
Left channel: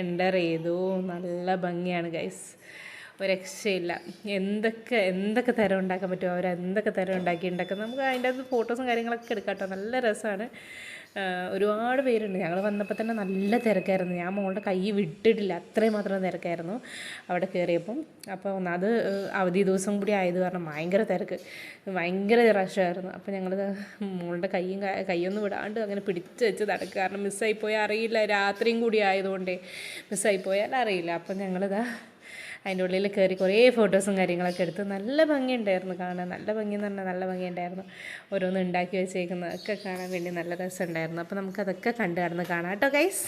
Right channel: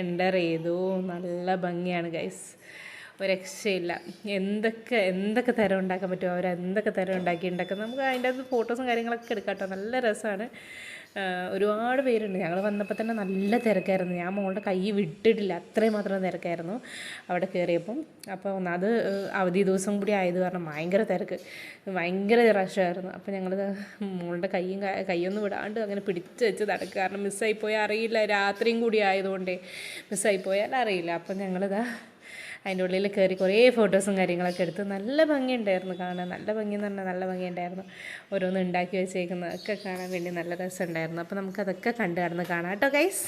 എൻ്റർ ചെയ്തു. നല്ല ഭംഗിയാണ് ഗൈസ്, ഒരു രക്ഷയില്ല. എന്തൊക്കെ തരം ഉണ്ടാക്കാൻ പറ്റുമോ അവരെന്തൊക്കെ തരം ഉണ്ടാക്കും. നമുക്ക് അതിൻ്റെ അകത്ത് ഫോട്ടോസും കാര്യങ്ങളൊക്കെ എടുക്കാം കേട്ടോ. നല്ല രസമാണ്. ഒരുപാട് പേരുണ്ട്. ഞങ്ങൾ വന്നപ്പോൾ തന്നെ നല്ല തിരക്കായിരുന്നു. ഞാൻ മോളുടെ കൈ വിട്ടിട്ടില്ല, അത്രയും മാത്രം തിരക്കായിരുന്നു അവിടെ കയറിയപ്പം. അപ്പോൾ അത് അവധി ദിവസം കൂടി ആയത് കാരണം ഭയങ്കര തിരക്ക്, ഭയങ്കര റഷായിരുന്നു. അപ്പോൾ ഞങ്ങൾ മോളുടെ കൈയൊന്നും വിടാണ്ട് അങ്ങനെ പിടിച്ച് വെച്ച് നടക്കുക. കാരണം മിസ്സായിപ്പോയാൽ അറിയില്ല, രാത്രിയും കൂടി ആയതുകൊണ്ടേ മിസ്സായിപ്പോയാൽ അറിയില്ല. അപ്പം ഞങ്ങളിതാ അതിൻ്റെ ഉള്ളിൽ കയറി കുറേ ഫോട്ടോസും കാര്യങ്ങളൊക്കെ എടുത്ത് നല്ല ഭംഗിയുണ്ടായിരുന്നു കാണാൻ. നല്ല ഭംഗിയെന്ന് പറഞ്ഞാൽ നല്ല ഭംഗിയുണ്ടായിരുന്നു. ഓരോന്ന് ഉണ്ടാക്കി വെച്ചേക്കുന്നതൊക്കെ കാണാൻ വേണ്ടി നല്ല രസമുണ്ടായിരുന്നു. അപ്പോൾ നമുക്കതൊക്കെ കണ്ടു കാണാം കേട്ടോ ഗൈസ്.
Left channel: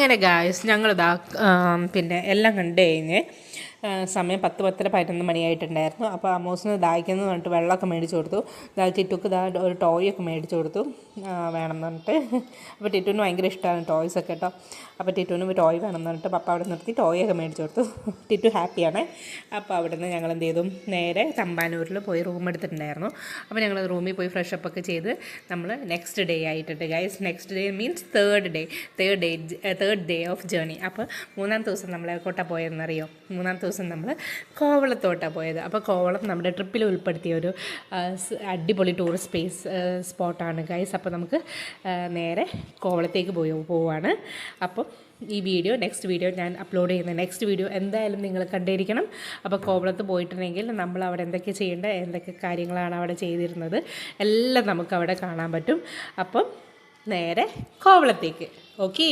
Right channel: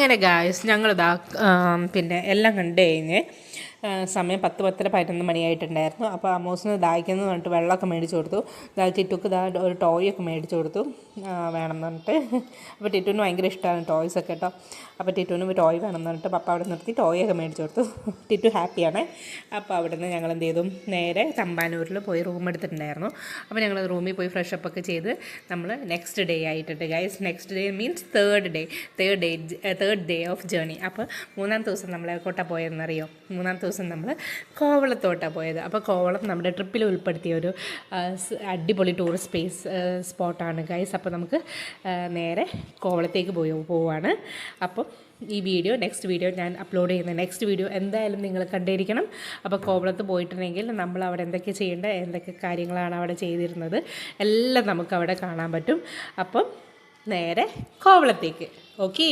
അങ്ങനെ ഗായ്സ് ഞങ്ങളിതാ പിന്നെ എല്ലാം കണ്ടു കഴിഞ്ഞ് സമയം 10-11 മണിയായിട്ടുണ്ടായിരുന്നു. അപ്പോൾ അമ്മൂസിന് ദാഹിക്കുന്നു പറഞ്ഞിട്ട് വെള്ളമൊക്കെ മേടിച്ച് കൊടുത്തു. ടിറ്റുക്ക് ഒരു ടോയൊക്കെ മേടിച്ച് കൊടുത്തു വേണമെന്ന് പറഞ്ഞിട്ട്. അപ്പോൾ ടിറ്റുവിന് ഭയങ്കര ഇഷ്ടമാണ് ടോയ്സൊക്കെ കേട്ടോ. അപ്പോൾ ടിറ്റുവിന് ടോയ് വേണമെന്ന് പറഞ്ഞിട്ട് പപ്പ അവിടെ നിർത്തി ടോയൊക്കെ മേടിച്ച് കൊടുത്തു. ടിറ്റു ഹാപ്പിയാണ്. അപ്പോൾ അവിടെ നിന്ന് ഞങ്ങൾ എന്ത് ചെയ്തു, നേരെ തമ്പാനൂരിൽ പോയി റൂം എടുത്തിട്ടുണ്ടായിരുന്നു. അപ്പോൾ ഞങ്ങൾ റൂമിൽ പോയി ഫ്രഷപ്പ് ഒക്കെ ചെയ്ത് നമ്മൾ നെക്സ്റ്റ് ഡേ ആയിട്ടുണ്ട് guys. Next day means third day of journey. അപ്പോൾ 3-ാം ദിവസം നമ്മൾ എങ്ങോട്ടാണ് പോയതെന്നറിയോ? 3-ാം ദിവസം നമ്മൾ കോവളത്തോട്ടാണ് പോയത്. അപ്പോൾ കോവളം നമ്മുടെ ട്രിപ്പിൽ ഉൾപ്പെടുത്തിയ ഒരു അടിപൊളി ടൂറിസ്റ്റ് സ്പോട്ടാണ് ഗൈസ്. അപ്പോൾ നമുക്ക് നേരെ കോവളത്തേക്ക് പോവുകയാണ്. അപ്പോൾ ഈ നെക്സ്റ്റ് വീഡിയോ ഞാൻ അപ്ലോഡ് ചെയ്യുന്ന നെക്സ്റ്റ് വീഡിയോ എന്തായാലും നിങ്ങൾ കണ്ടിരിക്കണം. അപ്പോൾ കോവളത്ത് പോയിട്ടുണ്ടെങ്കിൽ നമ്മൾ അവിടെ എന്തൊക്കെ ചെയ്യേണ്ടത്, എന്തൊക്കെ കാര്യങ്ങളാണ് അവിടെ ചെയ്തിരുന്നത് എല്ലാം നമുക്ക് അവിടെ കാണാൻ പറ്റും. അപ്പം നേരെ കോവളത്തേക്ക്. ഓക്കേ.